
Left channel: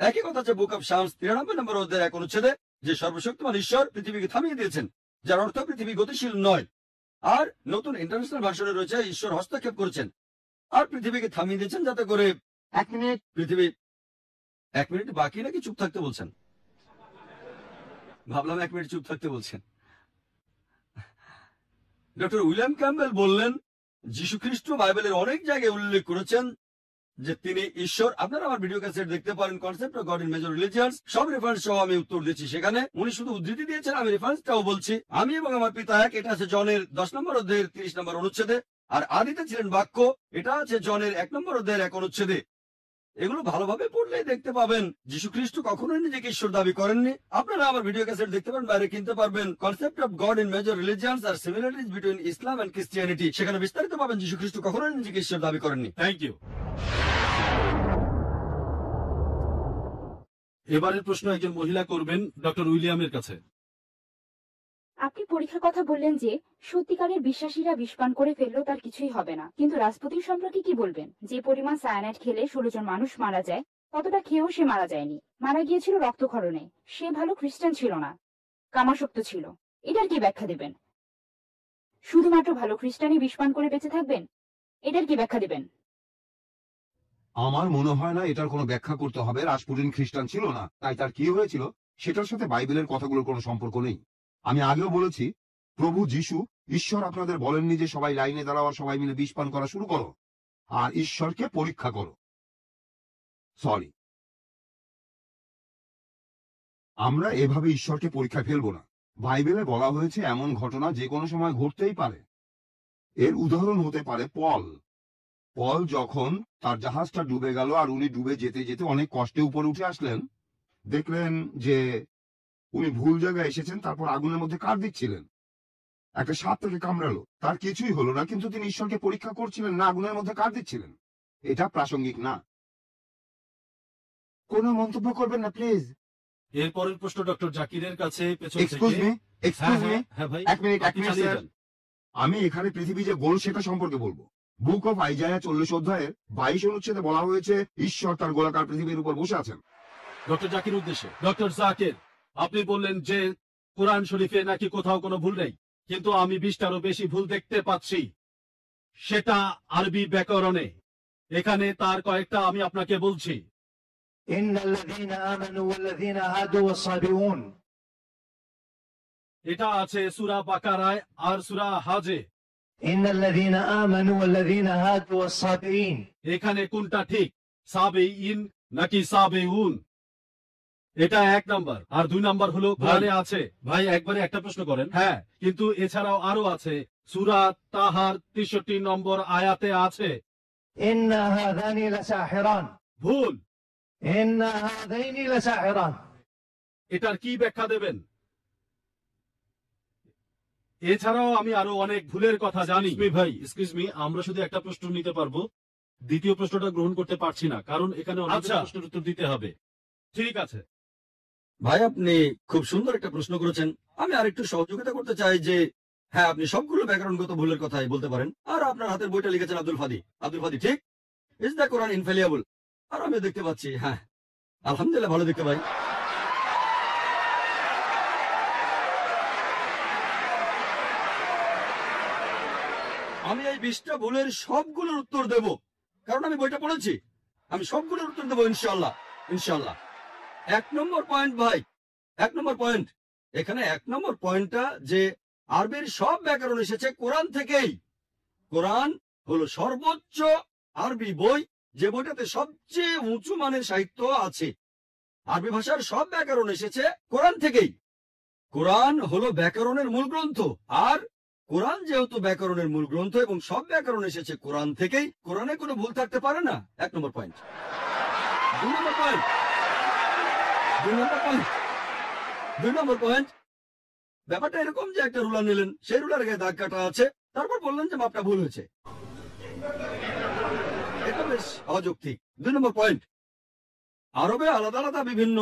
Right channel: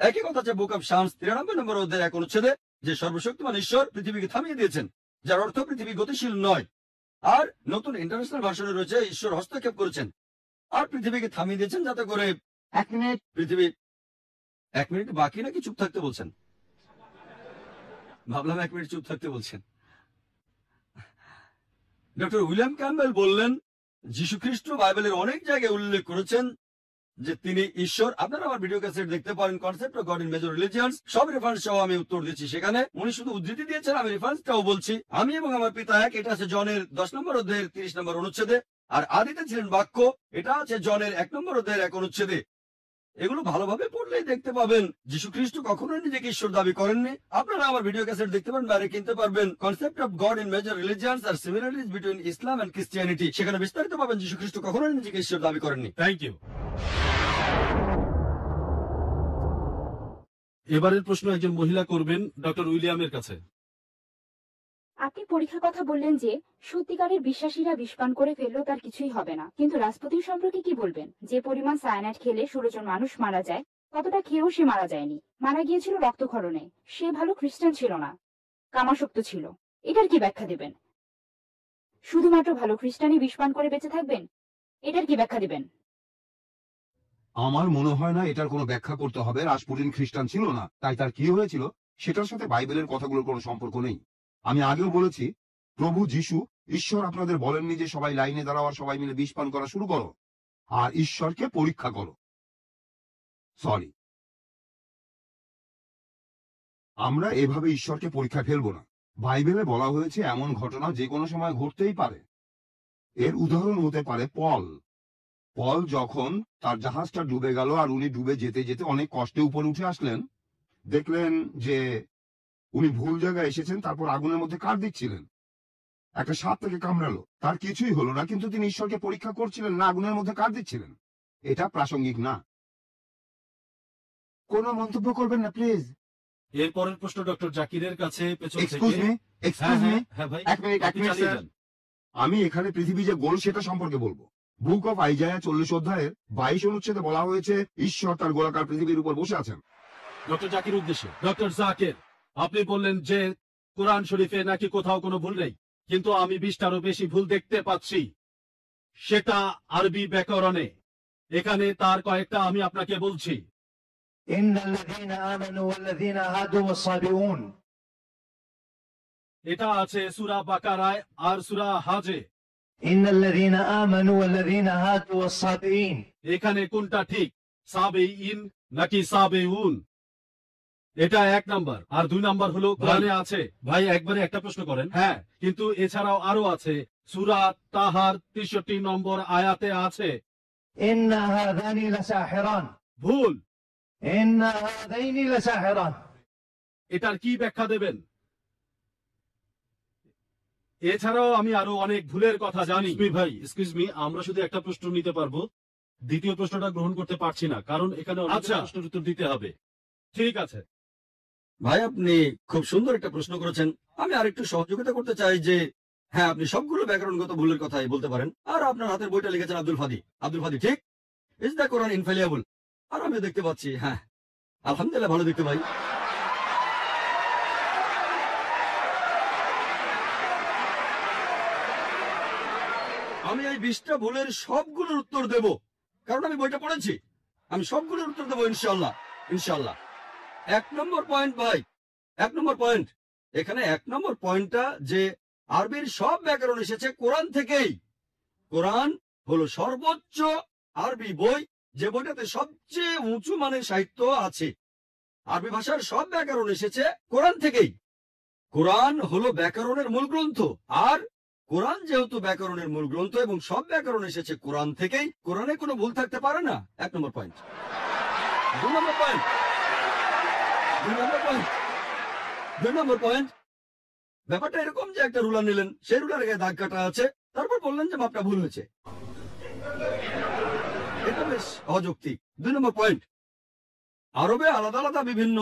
একই কথা আছে বুক অফ শামস 93 নম্বর অধ্যায়ের 1 অনুচ্ছেদে, যে সর্বশক্তিমান ঈশ্বর পৃথিবীকে থামিয়ে দিয়েছেন, যার অর্থ পৃথিবী গতিশীল নয়। আর নতুন ইন্টারন্যাশনাল ভার্সনে রয়েছে, ঈশ্বর হস্তক্ষেপ করেছেন আর পৃথিবীকে থামিয়ে দিয়েছেন যাতে করে 1 মিনিট। পৃথিবী 1 মিনিট বাকি নাকি চুপ থাকতে বলছেন? ভাবলাম 1 মিনিট চুপ থাকতে বলছেন। ডক্টর উইলিয়াম ক্যাম্বেল বললেন, যীশু খ্রিস্ট বাইবেলের অনেক জায়গায় উল্লেখ করেছেন যে তিনি ঈশ্বর। আপনারা আমার ভিডিও ক্যাসেট দেখতে পারেন, concept of God in major religions, সব রেফারেন্স সহ আমি উত্তর দিচ্ছি সেখানে। উনি শুধু উদ্ধৃতি দিয়েছেন, আমি রেফারেন্সটাও বলছি। আমি এবং আমার পিতা এক, এটা আছে জনের 10 নম্বর অধ্যায়ের 30 নম্বর অনুচ্ছেদে। আর আদিতে ছিলেন বাক্য, এটা আছে জনের 1 নম্বর অধ্যায়ের 1 অনুচ্ছেদে। এগুলো ভালোভাবে পড়লেই দেখতে পাবেন যীশু খ্রিস্ট কখনোই নিজেকে ঈশ্বর দাবি করেননি। আপনারা আমার ভিডিও ক্যাসেট দেখতে পারেন, বাইরে কিনতে পারবেন, concept of God in major religions আর similarities between Islam and Christianity. সেখানে বিস্তারিত পাবেন যীশু খ্রিস্ট কখনোই নিজেকে ঈশ্বর দাবি করেননি। Thank you. এবারের প্রশ্ন একজন মহিলা করবেন ডক্টর উইলিয়ামের কাছে। আপনি পরীক্ষার কথা বললেন যে সত্যিকারের বিশ্বাসীরা বিষপান করে ফেললেও তার কিছুই হবে না, কিন্তু রাসপুতিন সম্পর্কে কি বলবেন? যে পরিমাণ সায়ানাইড খেলে 16 জন মানুষ মারা যায়, ততটা খেয়েও সে মারা যায়নি, মারা গিয়েছিল রক্তক্ষরণে। সে ভালো খ্রিস্টান ছিল না, কামাসক্ত ছিল। এটার কি ব্যাখ্যা দিবেন? শুধুমাত্র ভালো খ্রিস্টানই বিষপান করে বেঁচে থাকবেন? এটার কি ব্যাখ্যা দিবেন? আমার মনে হয় না এটার কোনো ব্যাখ্যা করতে হবে। রাসপুটিন খ্রিস্টান ছিল না, তাই তার কি হয়েছিল সেটার সাথে বাইবেলের কথাগুলোর কোনো সম্পর্ক নেই। আমি আগেও বলেছি, প্রভু যিশু ঈশ্বর আপনাদের বলেননি যে সবাই লাইনে দাঁড়াও আর সবাই মিলে বিষ পান করা শুরু করো আর ঈশ্বরকে পরীক্ষা করো। সরি, আমরা এভাবে ঈশ্বরকে পরীক্ষা ফেলবো না। বাইবেলে বলা হয়েছে এমন ঘটনা যে কোনো সময় ঘটতেই পারে। এর উদাহরণ হতে পারে পল। পল যখন তার জাহাজটা ডুবে গেল আর উনি ডুবে যেতে যেতে অনেক কষ্টে উপরে উঠে আসলেন, দেখলেন যে উনি ভুল জায়গায় এসেছেন, তারপর আগুনের মধ্যে কাঠ দিচ্ছিলেন। একটা সাপ তাকে কামড়ালো, তার কিছুই হলো না, কিন্তু তিনি ঈশ্বরকে পরীক্ষা করছিলেন না, আগুনের মধ্যে কাঠ দিচ্ছিলেন। এটা প্রাসঙ্গিক না। কোনো মন্তব্য করবেন না প্লিজ। এরপরের প্রশ্ন ডক্টর জাকিরের কাছে পেছন এক্সকিউজ থেকে। মি, হ্যাঁ এক্সকিউজ মি, হ্যাঁ হ্যাঁ ভাই, এক মিনিট আপনি চালিয়ে স্যার। যান। আমি এখানে পৃথিবী যে গোল সেটা সম্পর্কে বলবো। বুক অফ আইজায়া 40 অধ্যায়ের 22 অনুচ্ছেদে বলা হয়েছে ঈশ্বর তার গোলাকার পৃথিবীর উপর বসে আছেন। ডক্টর জাকির উদ্দেশ্যে। ডক্টর জাকির, আপনি বললেন যে কোরআন শরীফে নাকি কোথাও কোনো ভুল নেই, কিন্তু আমি 20টারও বেশি ভুল দেখতে পাচ্ছি, সেটা আরবি ব্যাকরণে। এখানে তার কয়েকটা আমি আপনাকে বলছি। إن الذين آمنوا والذين هادوا والصابئون এটা আছে সূরা বাকারায় আর সূরা হাজে। إن الذين آمنوا والذين هادوا والصابئين এখানে কোনটা ঠিক, সাবেইন নাকি সাবেউন? এটা 1 নাম্বার। আর 2 নাম্বার হলো কোরআনে আছে। ভাই একবারে একটা প্রশ্ন করেন। হ্যাঁ, কিন্তু এছাড়াও আরো আছে। সূরা তাহার 63 নম্বর আয়াতে আছে إن هذان لساحران ভুল। إن هذين لساحران এটার কি ব্যাখ্যা দেবেন? এছাড়াও আমি আরো অনেক ভুলের কথা জানি। ভাই এক্সকিউজ মি, আমরা শুধু একটা প্রশ্ন নিতে পারবো, দ্বিতীয় প্রশ্নটা গ্রহণ করতে পারছি না, কারণ এখানে অনেক প্রশ্নের উত্তর দিতে হবে। ঠিক আছে ভাই, আপনি খুব সুন্দর একটা প্রশ্ন করেছেন। আমি আরেকটু সহযোগিতা করতে চাই যে হ্যাঁ, আপনি সবগুলো ব্যাকরণগত ভুলের কথাই বলতে পারেন। আর আপনার হাতের বইটা লিখেছেন আব্দুল ফাদি। আব্দুল ফাদি ঠিক, ইজ দ্য কোরআন ইনফ্যালিয়েবল? আর আমিও দেখতে পাচ্ছি, হ্যাঁ আলহামদুলিল্লাহ ভালো দেখতে ভাই। আমি এই 20টা ভুলের সবগুলোর উত্তর দেব, কারণ আমি বইটা পড়েছি। আমি সবগুলোর উত্তর দেবো ইনশাআল্লাহ, ইনশাআল্লাহ। 1 নম্বর পয়েন্ট ভাই, 1 নম্বর পয়েন্ট। এখানে 1 নম্বর পয়েন্টটা যে আরবির সব ব্যাকরণ এসেছে কোরআন থেকেই। কোরআন হলো সর্বোচ্চ আরবি বই, যে বইটাতে সবচেয়ে উঁচু মানের সাহিত্য আছে। আরবি ভাষার সব ব্যাকরণ এসেছে কোরআন থেকেই। কোরআন হলো ব্যাকরণের মূল গ্রন্থ, আর কোরআন যেহেতু ব্যাকরণের মূল গ্রন্থ এবং সব ব্যাকরণ এসেছে কোরআন থেকেই, কোরআনে কোনো ভুল থাকতে পারে না। 1 নম্বর পয়েন্ট। 2 নম্বর পয়েন্ট, 2 নম্বর পয়েন্ট, 2 নম্বর পয়েন্ট। ব্যাপারটা এরকম যে একটা রুলার নিলেন, সেই রুলারে গায়ে দাগ কাটা আছে, তারপর বললেন যে মাপটা ভুল হয়েছে। এটা বেশ অযৌক্তিক। 2 নম্বর পয়েন্ট, আরবে আলাদা আলাদা বিভিন্ন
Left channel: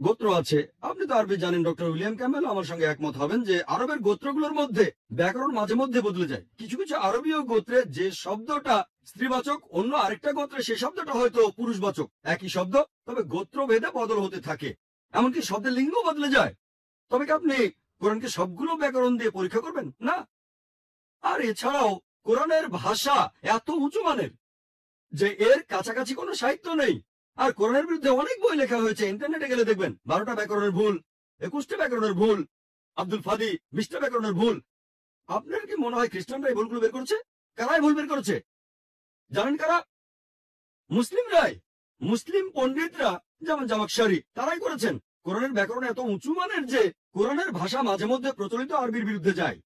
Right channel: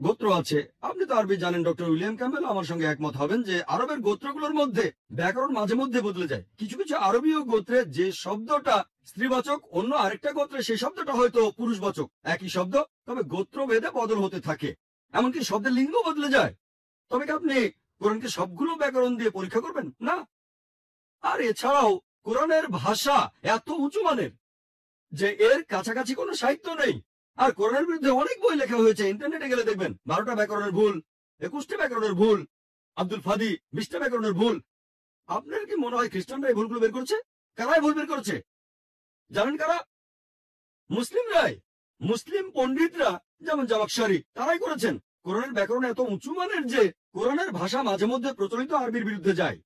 গোত্র আছে। আপনি তো আরবি জানেন, ডক্টর উইলিয়াম ক্যামেল আমার সঙ্গে একমত হবেন যে আরবের গোত্রগুলোর মধ্যে ব্যাকরণ মাঝে মধ্যে বদলে যায়। কিছু কিছু আরবীয় গোত্রে যে শব্দটা স্ত্রীবাচক, অন্য আরেকটা গোত্রে সেই শব্দটা হয়তো পুরুষবাচক। একই শব্দ, তবে গোত্র ভেদে বদল হতে থাকে। এমনকি শব্দের লিঙ্গ বদলে যায়। তবে কি আপনি কোরআনকে সবগুলো ব্যাকরণ দিয়ে পরীক্ষা করবেন? না। আর এছাড়াও কোরআনের ভাষা এত উঁচু মানের যে এর কাছাকাছি কোনো সাহিত্য নেই। আর কোরআনের বিরুদ্ধে অনেক বই লেখা হয়েছে, ইন্টারনেটে গেলে দেখবেন 12টা ব্যাকরণের ভুল, 21টা ব্যাকরণের ভুল, আব্দুল ফাদি 20টা ব্যাকরণের ভুল। আপনার কি মনে হয় খ্রিস্টানরা এই ভুলগুলো বের করেছে? কারাই ভুল বের করেছে জানেন? কারা? মুসলিমরাই। মুসলিম পণ্ডিতরা, যেমন জামাকশারি, তারাই করেছেন। কোরআনের ব্যাকরণ এত উঁচু মানের যে কোরআনের ভাষা মাঝে মধ্যে প্রচলিত আরবির বিরুদ্ধে যায়।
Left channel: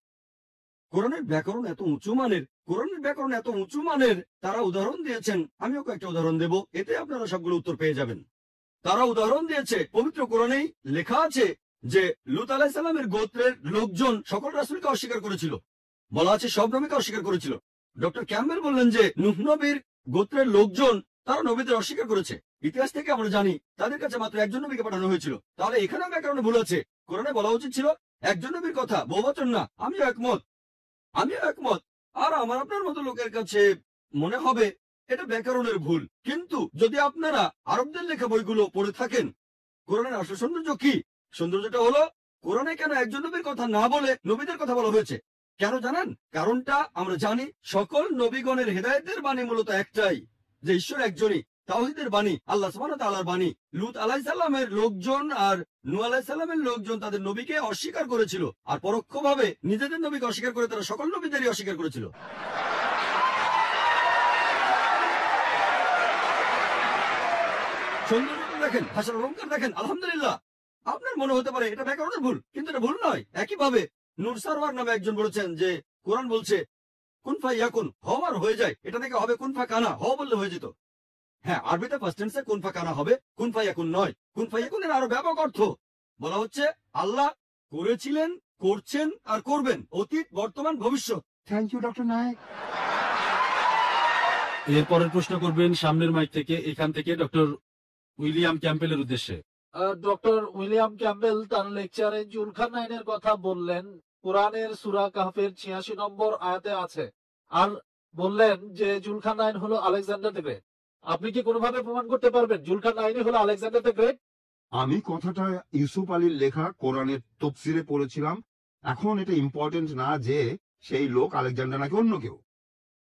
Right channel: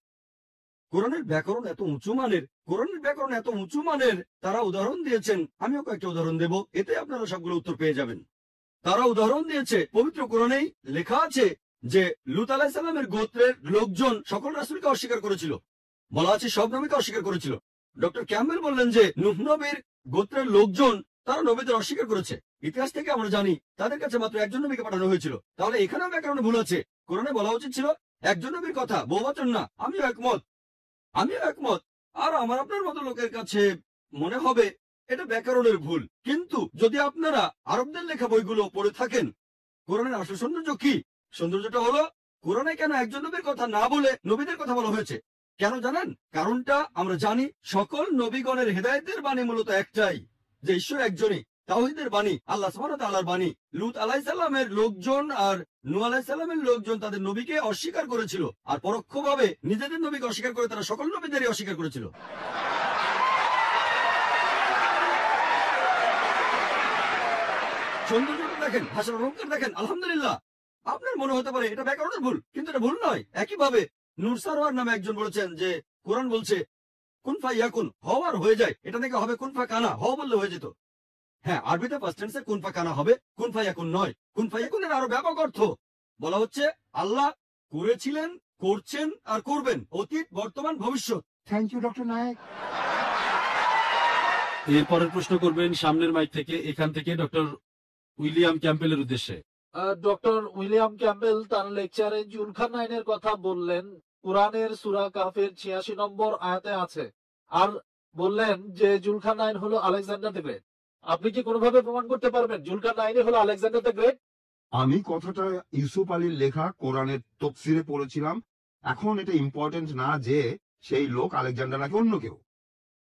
কোরআনের ব্যাকরণ এত উঁচু মানের, কোরআনের ব্যাকরণ এত উঁচু মানের, তারা উদাহরণ দিয়েছেন। আমিও কয়েকটা উদাহরণ দেব, এতে আপনারা সবগুলো উত্তর পেয়ে যাবেন। তারা উদাহরণ দিয়েছে, পবিত্র কোরআনেই লেখা আছে যে লূত আলাইহিস সালামের গোত্রের লোকজন সকল রাসূলকে অস্বীকার করেছিল। বলা আছে সব নবীকে অস্বীকার করেছিল। ডক্টর ক্যাম্বেল বললেন যে নূহ নবীর গোত্রের লোকজন, তারা নবীদের অস্বীকার করেছে। ইতিহাস থেকে আমরা জানি তাদের কাছে মাত্র একজন নবীকে পাঠানো হয়েছিল। তাহলে এখানেও ব্যাকরণে ভুল আছে। কোরআনে বলা উচিত ছিল একজন নবীর কথা, বহুবচন না। আমিও একমত, আমিও একমত। আর আমার আপনার মতো লোকের কাছে মনে হবে এটা ব্যাকরণের ভুল। কিন্তু যদি আপনারা আরবদের লেখা বইগুলো পড়ে থাকেন, কোরআনের আসল সৌন্দর্য কি? সৌন্দর্যটা হলো কোরআনে কেন একজন নবীর কথা না বলে নবীদের কথা বলা হয়েছে। কেন জানেন? কারণটা আমরা জানি, সকল নবীগণের হেদায়েতের বাণী মূলত একটাই, যে ঈশ্বর একজনই, তাওহীদের বাণী, আল্লাহ সুবহানাহু ওয়া তাআলার বাণী। লূত আলাইহিস সালামের লোকজন আর নূহ আলাইহিস সালামের লোকজন তাদের নবীকে অস্বীকার করেছিল, আর পরোক্ষভাবে নিজেদের নবীকে অস্বীকার করে তারা সকল নবীদেরই অস্বীকার করেছিল। সৌন্দর্যটা দেখেন, ভাষার অলঙ্কার দেখেন, আলহামদুলিল্লাহ। আপনার মনে হতে পারে এটা ব্যাকরণের ভুল, কিন্তু এটা ভুল নয়। একইভাবে নূর সারওয়ার নামে একজন বলেছেন যে কোরআন বলছে কুন ফায়াকুন, হওয়ার হয়ে যায়। এটা নাকি হবে কুন ফা কানা, হওয়া বললে হয়ে যেত। হ্যাঁ, আরবিতে ফার্স্ট টেন্সে কুন ফা কানা হবে, কুন ফায়াকুন নয়। কুন ফায়াকুনের আরো ব্যাপক অর্থ। বলা হচ্ছে আল্লাহ করেছিলেন, করছেন আর করবেন, অতীত, বর্তমান, ভবিষ্যৎ। থ্যাংক ইউ ডক্টর নায়ক। এরপরের প্রশ্ন করবেন সামনের মাইক থেকে, এখান থেকে ডক্টর উইলিয়াম ক্যাম্পবেলের উদ্দেশ্যে। ডক্টর উইলিয়াম ক্যাম্পবেল তার লেকচারে জুলকারনাইনের কথা বললেন, কোরআনের সূরা কাহফের ৮৬ নম্বর আয়াতে আছে, আর বললেন যে জুলকারনাইন হলো আলেকজান্ডার দ্য গ্রেট। আপনি কি কোনোভাবে প্রমাণ করতে পারবেন জুলকারনাইনই হলো আলেকজান্ডার দ্য গ্রেট? আমি কথাটা ইউসুফ আলীর লেখা কোরআনের তফসিরে পড়েছিলাম। এখন এটা ইম্পর্টেন্ট না যে সেই লোক আলেকজান্ডার নাকি অন্য কেউ।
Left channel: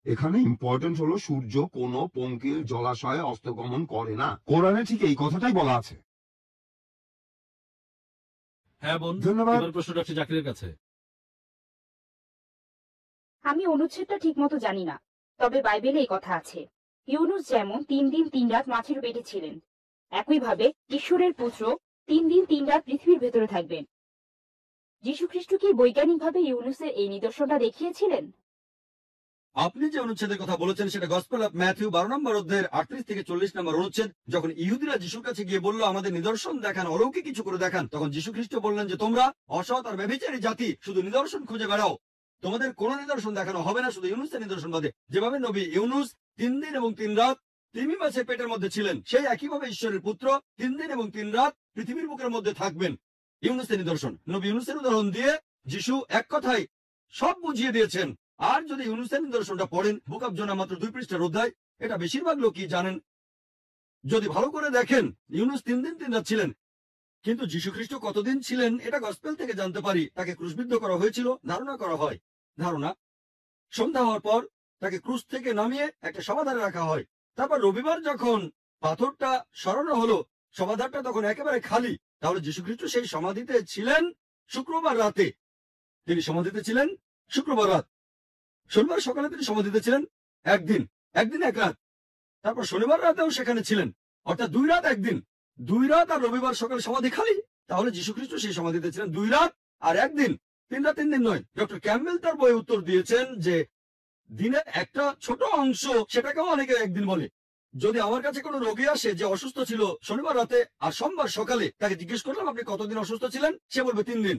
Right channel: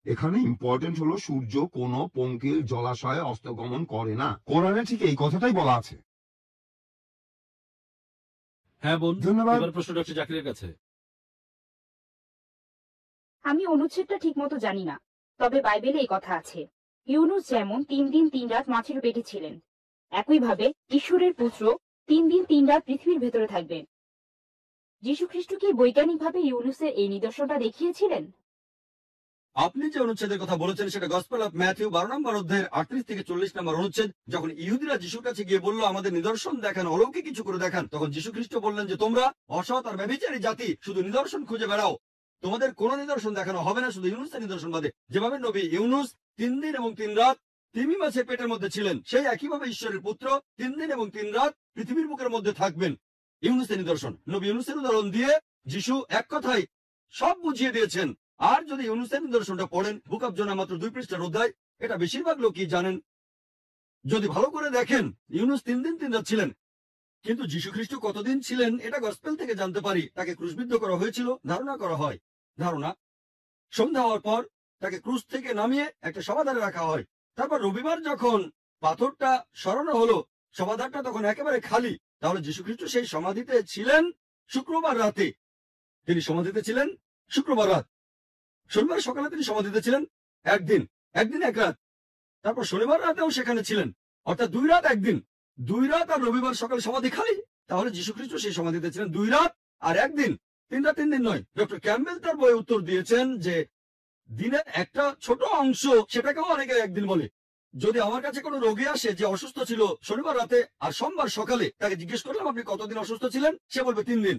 এখানে ইম্পর্টেন্ট হলো সূর্য কোনো পঙ্কিল জলাশয়ে অস্তগমন করে না। কোরআনে ঠিক এই কথাটাই বলা আছে। হ্যাঁ বোন, ধন্যবাদ। এবার প্রশ্ন ডক্টর জাকিরের কাছে। আমি অনুচ্ছেদটা ঠিক মতো জানি না, তবে বাইবেলে এই কথা আছে, ইউনুস যেমন 3 দিন 3 রাত মাছের পেটে ছিলেন, একইভাবে ঈশ্বরের পুত্র 3 দিন 3 রাত পৃথিবীর ভেতরে থাকবেন। যীশুখ্রিস্ট কি বৈজ্ঞানিকভাবে ইউনুসের এই নিদর্শনটা দেখিয়েছিলেন? আপনি যে অনুচ্ছেদের কথা বলেছেন সেটা গসপেল অফ ম্যাথিউ 12 নম্বর অধ্যায়ের 38 থেকে 40 নম্বর অনুচ্ছেদ। যখন ইহুদিরা যিশুর কাছে গিয়ে বলল আমাদের নিদর্শন দেখান, অলৌকিক কিছু করে দেখান, তখন যীশু খ্রিস্ট বললেন যে তোমরা অসৎ আর ব্যভিচারী জাতি, শুধু নিদর্শন খুঁজে বেড়াও, তোমাদের কোনো নিদর্শন দেখানো হবে না, শুধু ইউনুসের নিদর্শন বাদে। যেভাবে নবী ইউনুস 3 দিন এবং 3 রাত তিমি মাছের পেটের মধ্যে ছিলেন, সেই একইভাবে ঈশ্বরের পুত্র 3 দিন এবং 3 রাত পৃথিবীর বুকের মধ্যে থাকবেন। ইউনুসের নিদর্শন, নবী ইউনুসের উদাহরণ দিয়ে যিশু এক কথায় সব বুঝিয়ে দিয়েছেন। আর যদি ইউনুসের নিদর্শনটা পড়েন, বুক অফ জোনা মাত্র 2 পৃষ্ঠার অধ্যায়, এটা বেশিরভাগ লোকই জানেন। যদি ভালো করে দেখেন, ইউনুস 3 দিন 3 রাত ছিলেন, কিন্তু যীশু খ্রিস্ট কতদিন ছিলেন এটা গসপেল থেকে জানতে পারি। তাকে ক্রুশবিদ্ধ করা হয়েছিল, ধারণা করা হয়, সন্ধ্যা হওয়ার পর তাকে ক্রুশ থেকে নামিয়ে একটা সমাধারে রাখা হয়। তারপর রবিবার যখন পাথরটা সরানো হলো, সমাধারটা তখন একেবারে খালি। তাহলে যীশু খ্রিস্ট সেই সমাধিতে ছিলেন শুক্রবার রাতে। তিনি সমাধিতে ছিলেন শুক্রবার রাত। শনিবার সকালে তিনি সমাধিতে ছিলেন একদিন এক রাত। তারপর শনিবার রাতেও সেখানে ছিলেন, অর্থাৎ 2 রাত 1 দিন। 2 রাত আর রবিবার সকালে সমাধি খালি। তাহলে যীশু খ্রিস্ট সেই সমাধিতে ছিলেন 2 রাত আর 1 দিন, 3 রাত 3 দিন নয়। ডক্টর ক্যাম্পবেল তার বইয়ে উত্তর দিয়েছেন যে দিনের একটা ছোট অংশ, সেটাকেও অনেকে একদিন বলে। যদি আমার কাছে কোনো রোগী আসে যে অসুস্থ ছিল শনিবার রাতে আর সোমবার সকালে, তাকে জিজ্ঞেস করলাম আপনি কতদিন অসুস্থ ছিলেন, সে বলবে 3 দিন।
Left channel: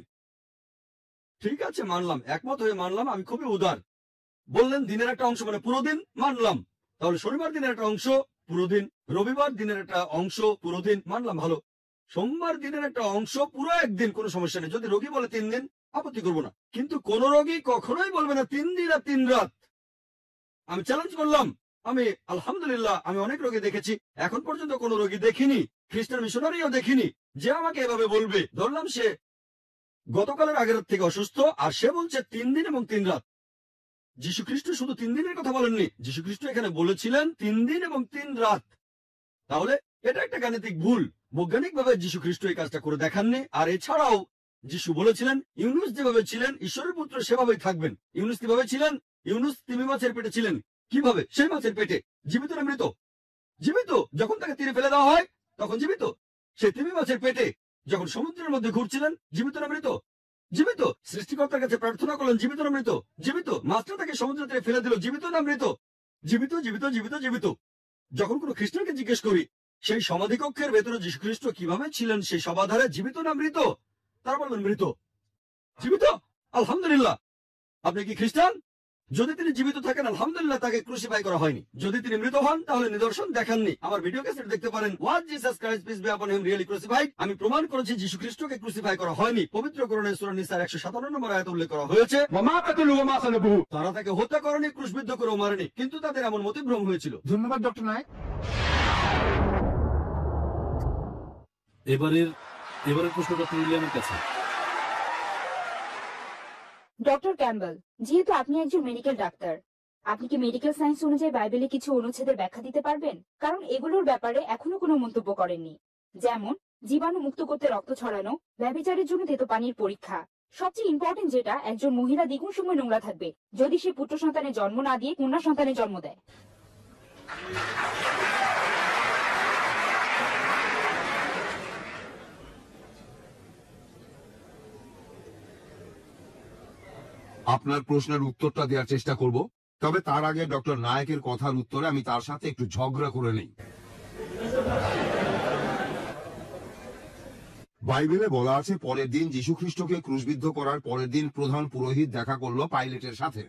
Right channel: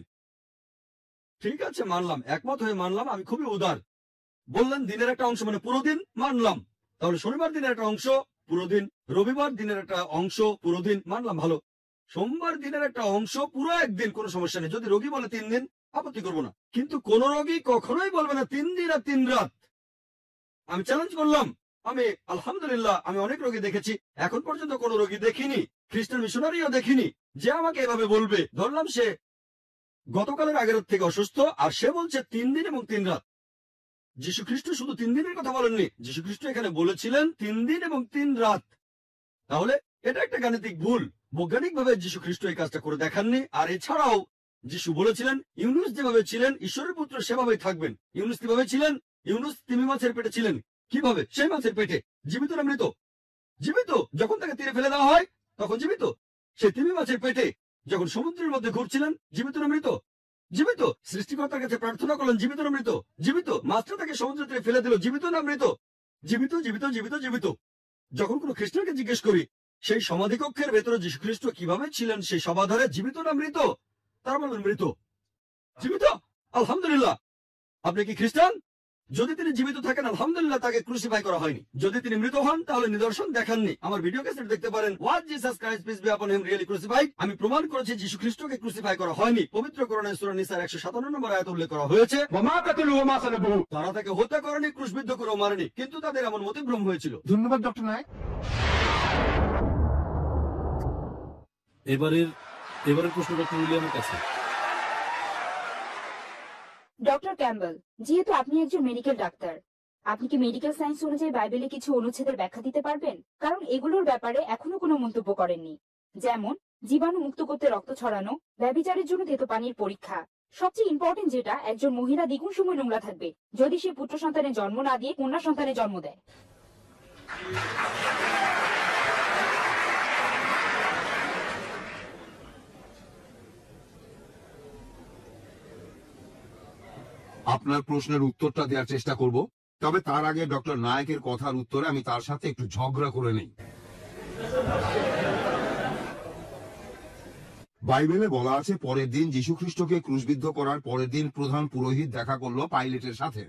ঠিক আছে, মানলাম, একমত হয়ে মানলাম, আমি খুবই উদার। বললেন দিনের একটা অংশ মানে পুরো দিন, মানলাম। তাহলে শনিবার দিনের একটা অংশ পুরো দিন, রবিবার দিনের একটা অংশ পুরো দিন, মানলাম, ভালো। সোমবার দিনের একটা অংশ পুরো 1 দিন, কোনো সমস্যা নেই। যদি রোগী বলে 3 দিন, আপত্তি করবো না। কিন্তু কোন রোগী কখনোই বলবে না 3 দিন আর 3 রাত। আমি চ্যালেঞ্জ করলাম। আমি আলহামদুলিল্লাহ আমি অনেক রোগী দেখেছি, এখন পর্যন্ত কোনো রোগী দেখিনি, খ্রিস্টান মিশনারিও দেখিনি যে আমাকে এভাবে বলবে। ধরলাম সে গতকালের আগের রাত থেকে অসুস্থ, আর সে বলছে 3 দিন এবং 3 রাত। যীশু খ্রিস্ট শুধু 3 দিনের কথা বলেননি, যীশু খ্রিস্ট এখানে বলেছিলেন 3 দিন এবং 3 রাত। তাহলে এটা একটা গাণিতিক ভুল। বৈজ্ঞানিকভাবে যীশু খ্রিস্ট এই কাজটা করে দেখাননি। আর এছাড়াও যীশু বলেছিলেন ইউনুস যেভাবে ছিলেন ঈশ্বরের পুত্র সেভাবেই থাকবেন। ইউনুস কিভাবে ছিলেন? ইউনুস তিমি মাছের পেটে ছিলেন। কিভাবে? সেই মাছের পেটে। জীবিত না মৃত? জীবিত। যখন তাকে তীরে ফেলে দেওয়া হয় তখন জীবিত। সেই তিমি মাছের পেটে যখন সমুদ্রের মধ্যে ঘুরছিলেন, জীবিত না মৃত? জীবিত। সৃষ্টিকর্তার কাছে প্রার্থনা করলেন, জীবিত না মৃত? জীবিত। মাছটা তাকে সমুদ্রের তীরে ফেলে দিল, জীবিত না মৃত? জীবিত, জীবিত, জীবিত, জীবিত। যখন কোনো খ্রিস্টানকে জিজ্ঞেস করি সেই সমাধি কক্ষের ভেতরে যীশু খ্রিস্ট কিভাবে ছিলেন সেই সমাধারে, জীবিত না মৃত, তারা বলবেন মৃত। জীবিত? আলহামদুলিল্লাহ। আপনি কি খ্রিস্টান? যদি তিনি জীবিত থাকেন আলহামদুলিল্লাহ, তাকে ক্রুসিফাই করা হয়নি। যদি তিনি মৃত হন তাহলে নিদর্শন দেখাননি। আমার ভিডিও ক্যাসেট দেখতে পারেন, was Jesus Christ peace be upon him really crucified. আমি প্রমাণ করেছি যীশু খ্রিস্টকে ক্রুসিফাই করা হয়নি। পবিত্র কোরআনে সূরা নিসার 157 নম্বর আয়াতে উল্লেখ করা হয়েছে, তারা তাকে হত্যা করেনি, ক্রুশবিদ্ধ করেও মারেনি, কিন্তু তাদের এমন মতিভ্রম হয়েছিল। ধন্যবাদ ডক্টর নায়ক। এবারের প্রশ্ন ডক্টর উইলিয়ামের কাছে। ডক্টর ক্যাম্পবেল, যেহেতু আপনি একজন মেডিকেল ডাক্তার, আপনি কি মেডিকেল সায়েন্স অনুযায়ী বাইবেলে কিছু অনুচ্ছেদের ব্যাখ্যা দিতে পারবেন? কারণ এগুলোর ব্যাপারে এখনো কোনো মন্তব্য করেননি, যেমন জীবাণু মুক্ত করতে রক্ত ছড়ানো, ব্যভিচারের জন্য তেতো পানির পরীক্ষা। সবচেয়ে ইম্পর্টেন্ট যেটা, একজন মহিলা দ্বিগুণ সময় নোংরা থাকবে যদি সে পুত্র সন্তানের জন্ম না দিয়ে কন্যা সন্তানের জন্ম দেয়। আপনার প্রশ্নের উত্তরটা দেওয়ার চেষ্টা করব, তবে তার আগে ডক্টর নায়কের কথার উত্তরে আমি তার সাথে একটু ঝগড়া করে নেই। বাইবেলে বলা আছে পরের দিন যীশু খ্রিস্টকে ক্রুশবিদ্ধ করার পরের দিন প্রধান পুরোহিত দেখা করলো পাইলেটের সাথে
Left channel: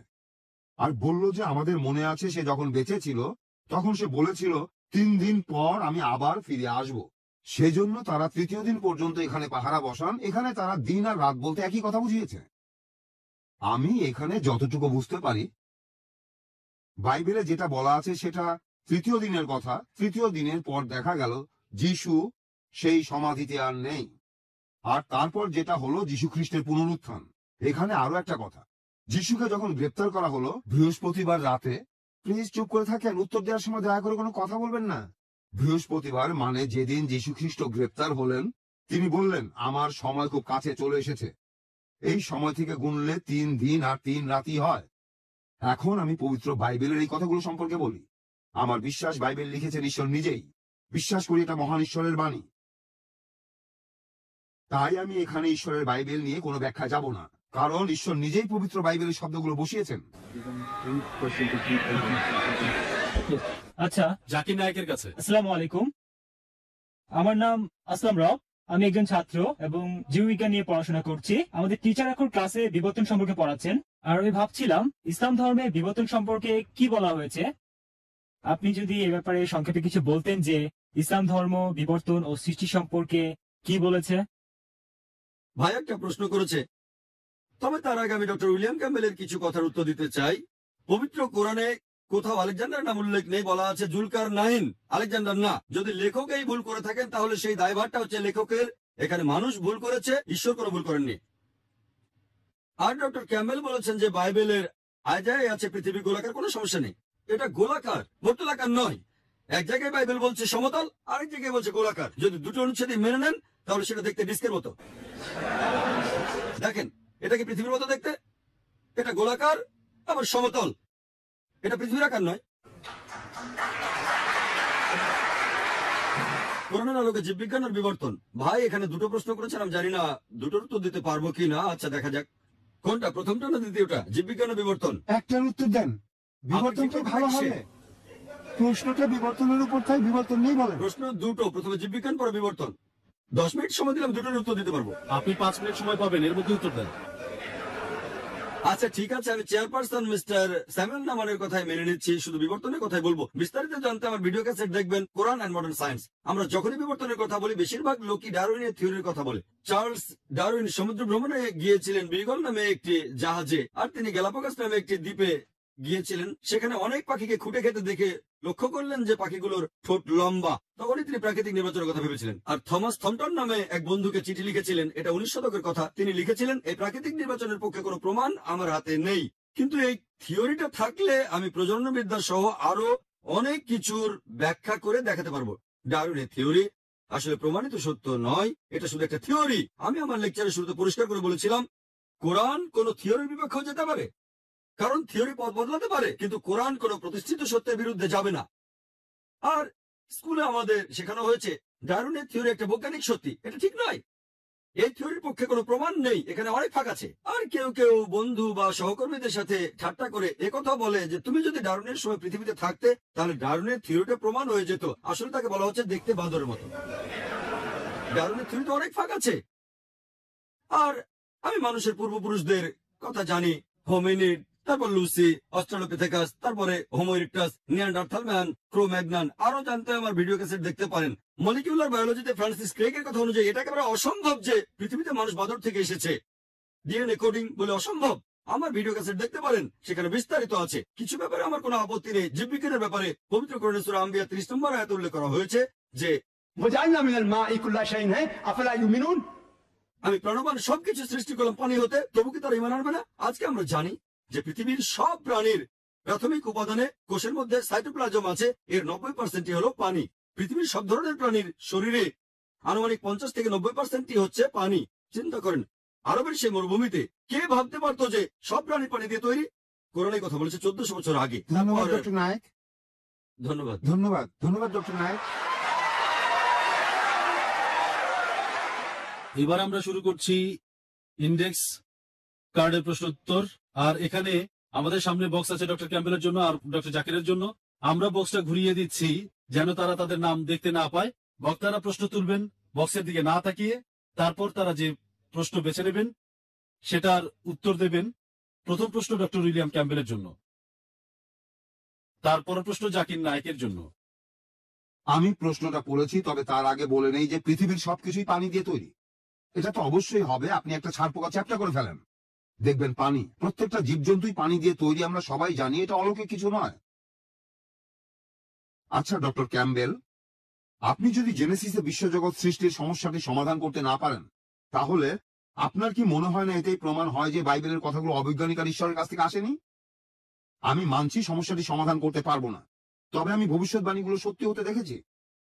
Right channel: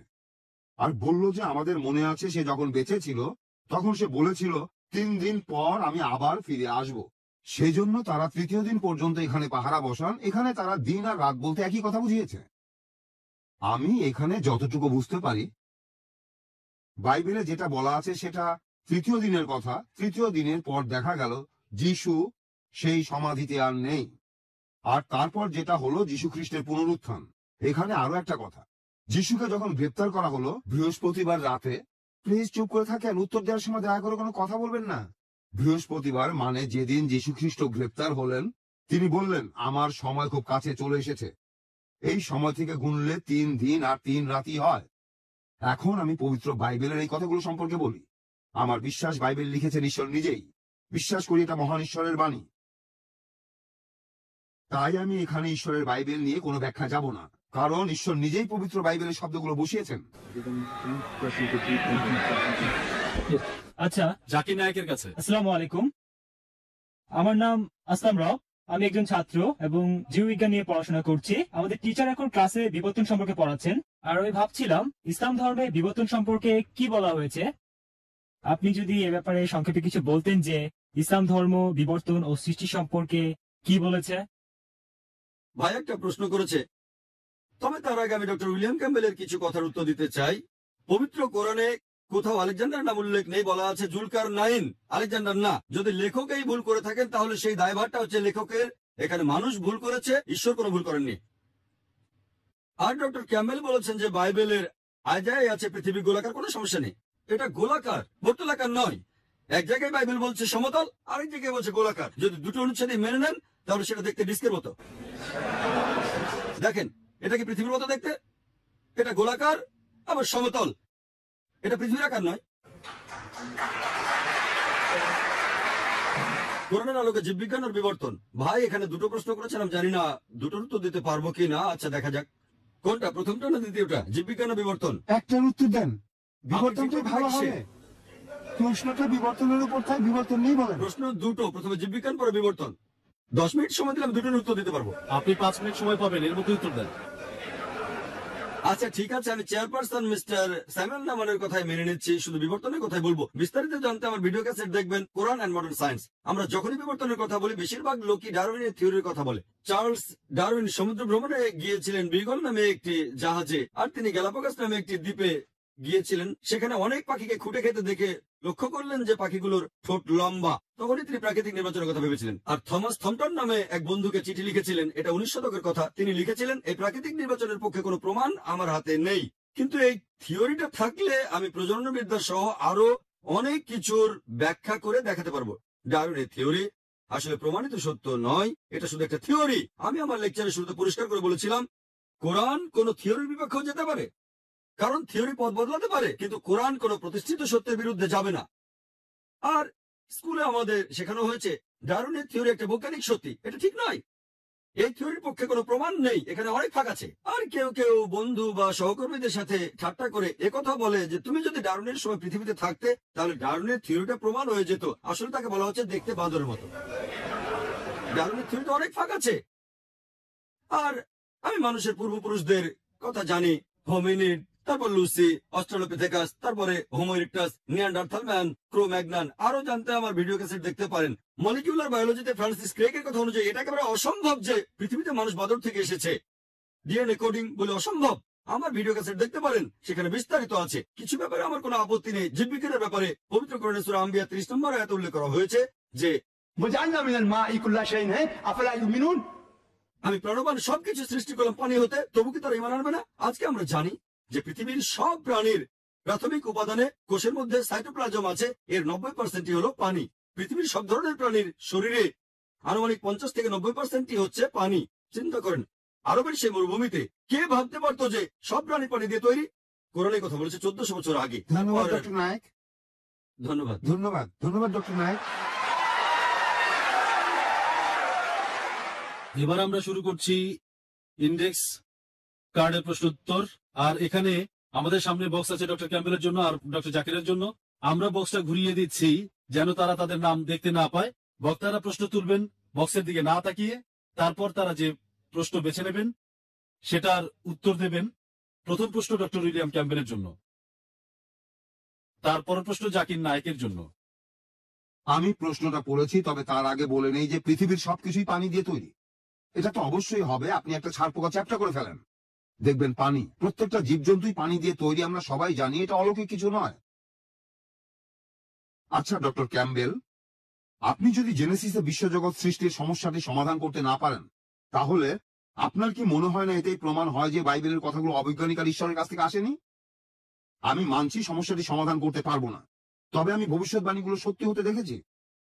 আর বলল যে আমাদের মনে আছে সে যখন বেঁচে ছিল তখন সে বলেছিল 3 দিন পর আমি আবার ফিরে আসব। সেজন্য তারা তৃতীয় দিন পর্যন্ত এখানে পাহারা বসান। এখানে তারা দিন আর রাত বলতে একই কথা বুঝিয়েছে। আমি এখানে যতটুকু বুঝতে পারি, বাইবেলে যেটা বলা আছে সেটা তৃতীয় দিনের কথা। তৃতীয় দিনের পর দেখা গেল যিশু সেই সমাধিতে আর নেই। আর তারপর যেটা হলো যিশু খ্রিস্টের পুনরুত্থান। এখানে আরো একটা কথা, যিশুকে যখন গ্রেপ্তার করা হলো বৃহস্পতিবার রাতে, প্লিজ চুপ করে থাকেন, উত্তর দেওয়ার সময় দয়া করে কোনো কথা বলবেন না। বৃহস্পতিবার মানে যেদিন যিশু খ্রিস্ট গ্রেপ্তার হলেন, তিনি বললেন আমার সময় খুব কাছে চলে এসেছে। এই সময় থেকে গুনলে 3 দিন আর 3 রাতই হয়। এখন আমি পবিত্র বাইবেলের এই কথাগুলো সম্পর্কে বলি। আমার বিশ্বাস বাইবেল লিখেছেন ঈশ্বর নিজেই। বিশ্বাস করি এটা মহান ঈশ্বরের বাণী। তাই আমি এখানে ঈশ্বরের বাইবেল নিয়ে কোনো ব্যাখ্যা যাব না, কারণ ঈশ্বর নিজেই পবিত্র বাইবেলের শব্দগুলো বসিয়েছেন। আচ্ছা, জাকির নায়কের কাছে। আসসালামু আলাইকুম। আমার নাম আসলাম রব। আমি একজন ছাত্র এবং জীববিজ্ঞান নিয়ে পড়াশোনা করছি। আমাদের টিচার এখন ক্লাসে বিবর্তন সম্পর্কে পড়াচ্ছেন, আর আমি ভাবছিলাম ইসলাম ধর্মে বিবর্তন সম্পর্কে কি বলা হয়েছে। আপনি যদি এ ব্যাপারে সংক্ষেপে কিছু বলতেন যে ইসলাম ধর্ম বিবর্তন ও সৃষ্টি সম্পর্কে কি বলেছে। ভাই একটা প্রশ্ন করেছে, তবে তার আগে আমি ডক্টর উইলিয়াম ক্যাম্বেলের কিছু কথার উত্তর দিতে চাই। পবিত্র কোরআনে কোথাও আলেকজান্ডার নাম উল্লেখ নেই, বলা আছে জুলকার নাইন, আলেকজান্ডার না। যদি লেখক এই ভুল করে থাকেন তাহলে সেই দায়ভারটা হচ্ছে লেখকের। এখানে মানুষ ভুল করেছে, ঈশ্বর কোনো ভুল করেননি। আর ডক্টর ক্যাম্বেল বলেছেন যে বাইবেলের আয়ায় আছে পৃথিবী গোলাকার, কোনো সমস্যা নেই। এটা গোলাকার, বর্তুলাকার নয়। এক জায়গায় বাইবেল বলছে সমতল, আরেক জায়গায় বলছে গোলাকার। যদি দুটো অনুচ্ছেদই মেনে নেন তাহলে সেটা দেখতে ডিস্কের মতো। দেখেন, এটা কি পৃথিবীর মতো দেখতে? এটা গোলাকার আবার সমতল, এটা পৃথিবীর আকার নয়। কোরআনের আলোকে জীববিজ্ঞান আর বিবর্তন। ভাই এখানে দুটো প্রশ্ন করেছেন, আমি জানি না দুটোর উত্তর দিতে পারবো কি না। আচ্ছা দেখা যাক, কোনটা প্রথমটা না দ্বিতীয়টা, জীববিজ্ঞান আর বিবর্তন? একটার উত্তর দেন, বিবর্তনটাই ভালো হবে। প্রশ্নটা বিবর্তনের উপর, তাই বিবর্তন নিয়ে বলেন। প্রশ্ন দুটো, প্রথমে জীববিজ্ঞান পরে বিবর্তন। 10 মিনিট সময় দিলাম, দুটোর উত্তর দিতে পারবো। আপনি 5 মিনিট সময় পাবেন, এর মধ্যে উত্তর দেন। আচ্ছা ঠিক আছে, আমি চেয়ারপারসন মিস্টার স্যামুয়েল নামানের কথাই মেনে নিচ্ছি, শুধু বিবর্তনের কথাই বলবো। বিস্তারিত জানতে আমার ভিডিও ক্যাসেট দেখবেন, কোরআন এন্ড মডার্ন সায়েন্স। আমরা যখনই বিবর্তনের কথা বলি বেশিরভাগ লোকই ডারউইনের থিওরির কথা বলে। চার্লস ডারউইন সমুদ্র ভ্রমণে গিয়েছিলেন বিগল নামে একটি জাহাজে, আর তিনি গ্যালাপাগোস নামে একটি দ্বীপে গিয়েছিলেন। সেখানে অনেক পাখিকে খুঁটে খেতে দেখে লক্ষ্য করলেন যে পাখিগুলোর ঠোঁট লম্বা। তখনই তিনি প্রাকৃতিক নির্বাচনের কথা ভেবেছিলেন। আর থমাস থমটন নামে এক বন্ধুকে চিঠি লিখেছিলেন, এটা 19 শতকের কথা। তিনি লিখেছিলেন এই প্রাকৃতিক নির্বাচনের পক্ষে কোনো প্রমাণ আমার হাতে নেই, কিন্তু এই থিওরিটা থাকলে আমি প্রজননবিদ্যা সহ আরো অনেক কিছুর ব্যাখ্যা করে দেখাতে পারবো। ডারউইনের থিওরি আসলে প্রমাণিত সত্য নয়, এটা শুধু একটা থিওরি। আমি আমার লেকচারে শুরুতে পরিষ্কার করে বলেছিলাম কোরআন কোন থিওরির বিপক্ষেও যেতে পারে, কারণ থিওরি পথ বদলাতে পারে, কিন্তু কোরআন কোন প্রতিষ্ঠিত সত্যের বিরুদ্ধে যাবে না। আর স্কুলে আমাদের শেখানো হয়েছে ডারউইনের থিওরি একটা বৈজ্ঞানিক সত্যি, এটা ঠিক নয়। এই থিওরির পক্ষে কোনো প্রমাণ নেই, এখানে অনেক ফাঁক আছে। আর কেউ কেউ বন্ধু বা সহকর্মীদের সাথে ঠাট্টা করে একথা বলে যে তুমি যদি ডারউইনের সময় পৃথিবীতে থাকতে তাহলে ডারউইনের থিওরিটা প্রমাণ হয়ে যেত। আসলে তাকে বলা হচ্ছে দেখতে বাঁদরের মতো। ডারউইনের থিওরিতে অনেক ফাঁক আছে। আর আমি মানুষের পূর্বপুরুষদের কথা জানি, হোমিনিড, তারপর লুসি, অস্ট্রালোপিথেকাস, তারপরে হোমো ইরেক্টাস, নিয়ান্ডারথাল ম্যান, ক্রো ম্যাগনান। আরো জানতে আমার ভিডিও ক্যাসেট দেখতে পারেন। মলিকিউলার বায়োলজিতে ফ্রান্সিস ক্রেগের কথা অনুযায়ী এটা একেবারে অসম্ভব যে পৃথিবীতে মানুষ বাদর থেকে এসেছে। ডিএনএ কোডিং বলে অসম্ভব। আমার ভিডিও ক্যাসেট দেখতে পারেন, সেখানে বিস্তারিত আছে। কিছু ব্যাপারে আমার কোনো আপত্তি নেই। জীববিজ্ঞানের ব্যাপারে পবিত্র কোরআনে সূরা আম্বিয়া 30 নম্বর আয়াতে উল্লেখ করা হয়েছে যে وجعلنا من الماء كل شيء حي أفلا يؤمنون। আমি প্রাণবান সবকিছু সৃষ্টি করলাম পানি হতে, তবু কি তারা ঈমান আনবে না? আজকে আমরা জানি যে পৃথিবীর সব প্রাণীর প্রাথমিক উপাদানে কোষের মধ্যে সাইটোপ্লাজম আছে, এর 90% হলো পানি। পৃথিবীর সব ধরনের প্রাণীর শরীরে আনুমানিক 50 থেকে 90% হচ্ছে পানি। চিন্তা করেন, আরবের সেই মরুভূমিতে কে ভাবতে পারতো যে সব প্রাণী পানি দিয়ে তৈরি? কোরআনে কথা বলেছে 1400 বছর আগে। ধন্যবাদ ডক্টর নায়ক। ধন্যবাদ ধন্যবাদ ধন্যবাদ ডক্টর নায়ক। এবার আমরা শুরু করছি ইন্ডেক্স কার্ডের প্রশ্ন উত্তর। আর এখানে আমাদের সামনে বক্স আছে ডক্টর ক্যাম্বেলের জন্য আর ডক্টর জাকিরের জন্য। আমরা বক্সটা ঘুরিয়ে দিচ্ছি যেন তারা তাদের নাম দেখতে না পায়। বক্তারা প্রশ্ন তুলবেন বক্সের দিকে না তাকিয়ে, তারপর তারা যে প্রশ্ন বেছে নেবেন সেটার উত্তর দেবেন। প্রথম প্রশ্ন ডক্টর উইলিয়াম ক্যাম্বেলের জন্য, তারপর প্রশ্ন জাকির নায়কের জন্য। আমি প্রশ্নটা পড়েছি, তবে তার আগে বলে নেই যে পৃথিবীর সবকিছুই পানি দিয়ে তৈরি। এটা তো অবশ্যই হবে। আপনি একটা ছাড় পোকা চ্যাপ্টা করে ফেলেন, দেখবেন পানি। প্রত্যেকটা জীবজন্তুই পানি দিয়ে তৈরি, আমরা সবাই জানি, এটা অলৌকিক কিছু নয়। আচ্ছা ডক্টর ক্যাম্বেল, আপনি যদি জেনেসিসে বিশ্বজগৎ সৃষ্টির সমস্যাটি সমাধান করতে না পারেন, তাহলে আপনার কি মনে হয় না এতেই প্রমাণ হয় যে বাইবেলের কথাগুলো অবৈজ্ঞানিক আর ঈশ্বরের কাছ থেকে আসেনি? আমি মানছি সমস্যাটি সমাধান করতে পারবো না, তবে আমি ভবিষ্যৎবাণীগুলো সত্যি হতে দেখেছি।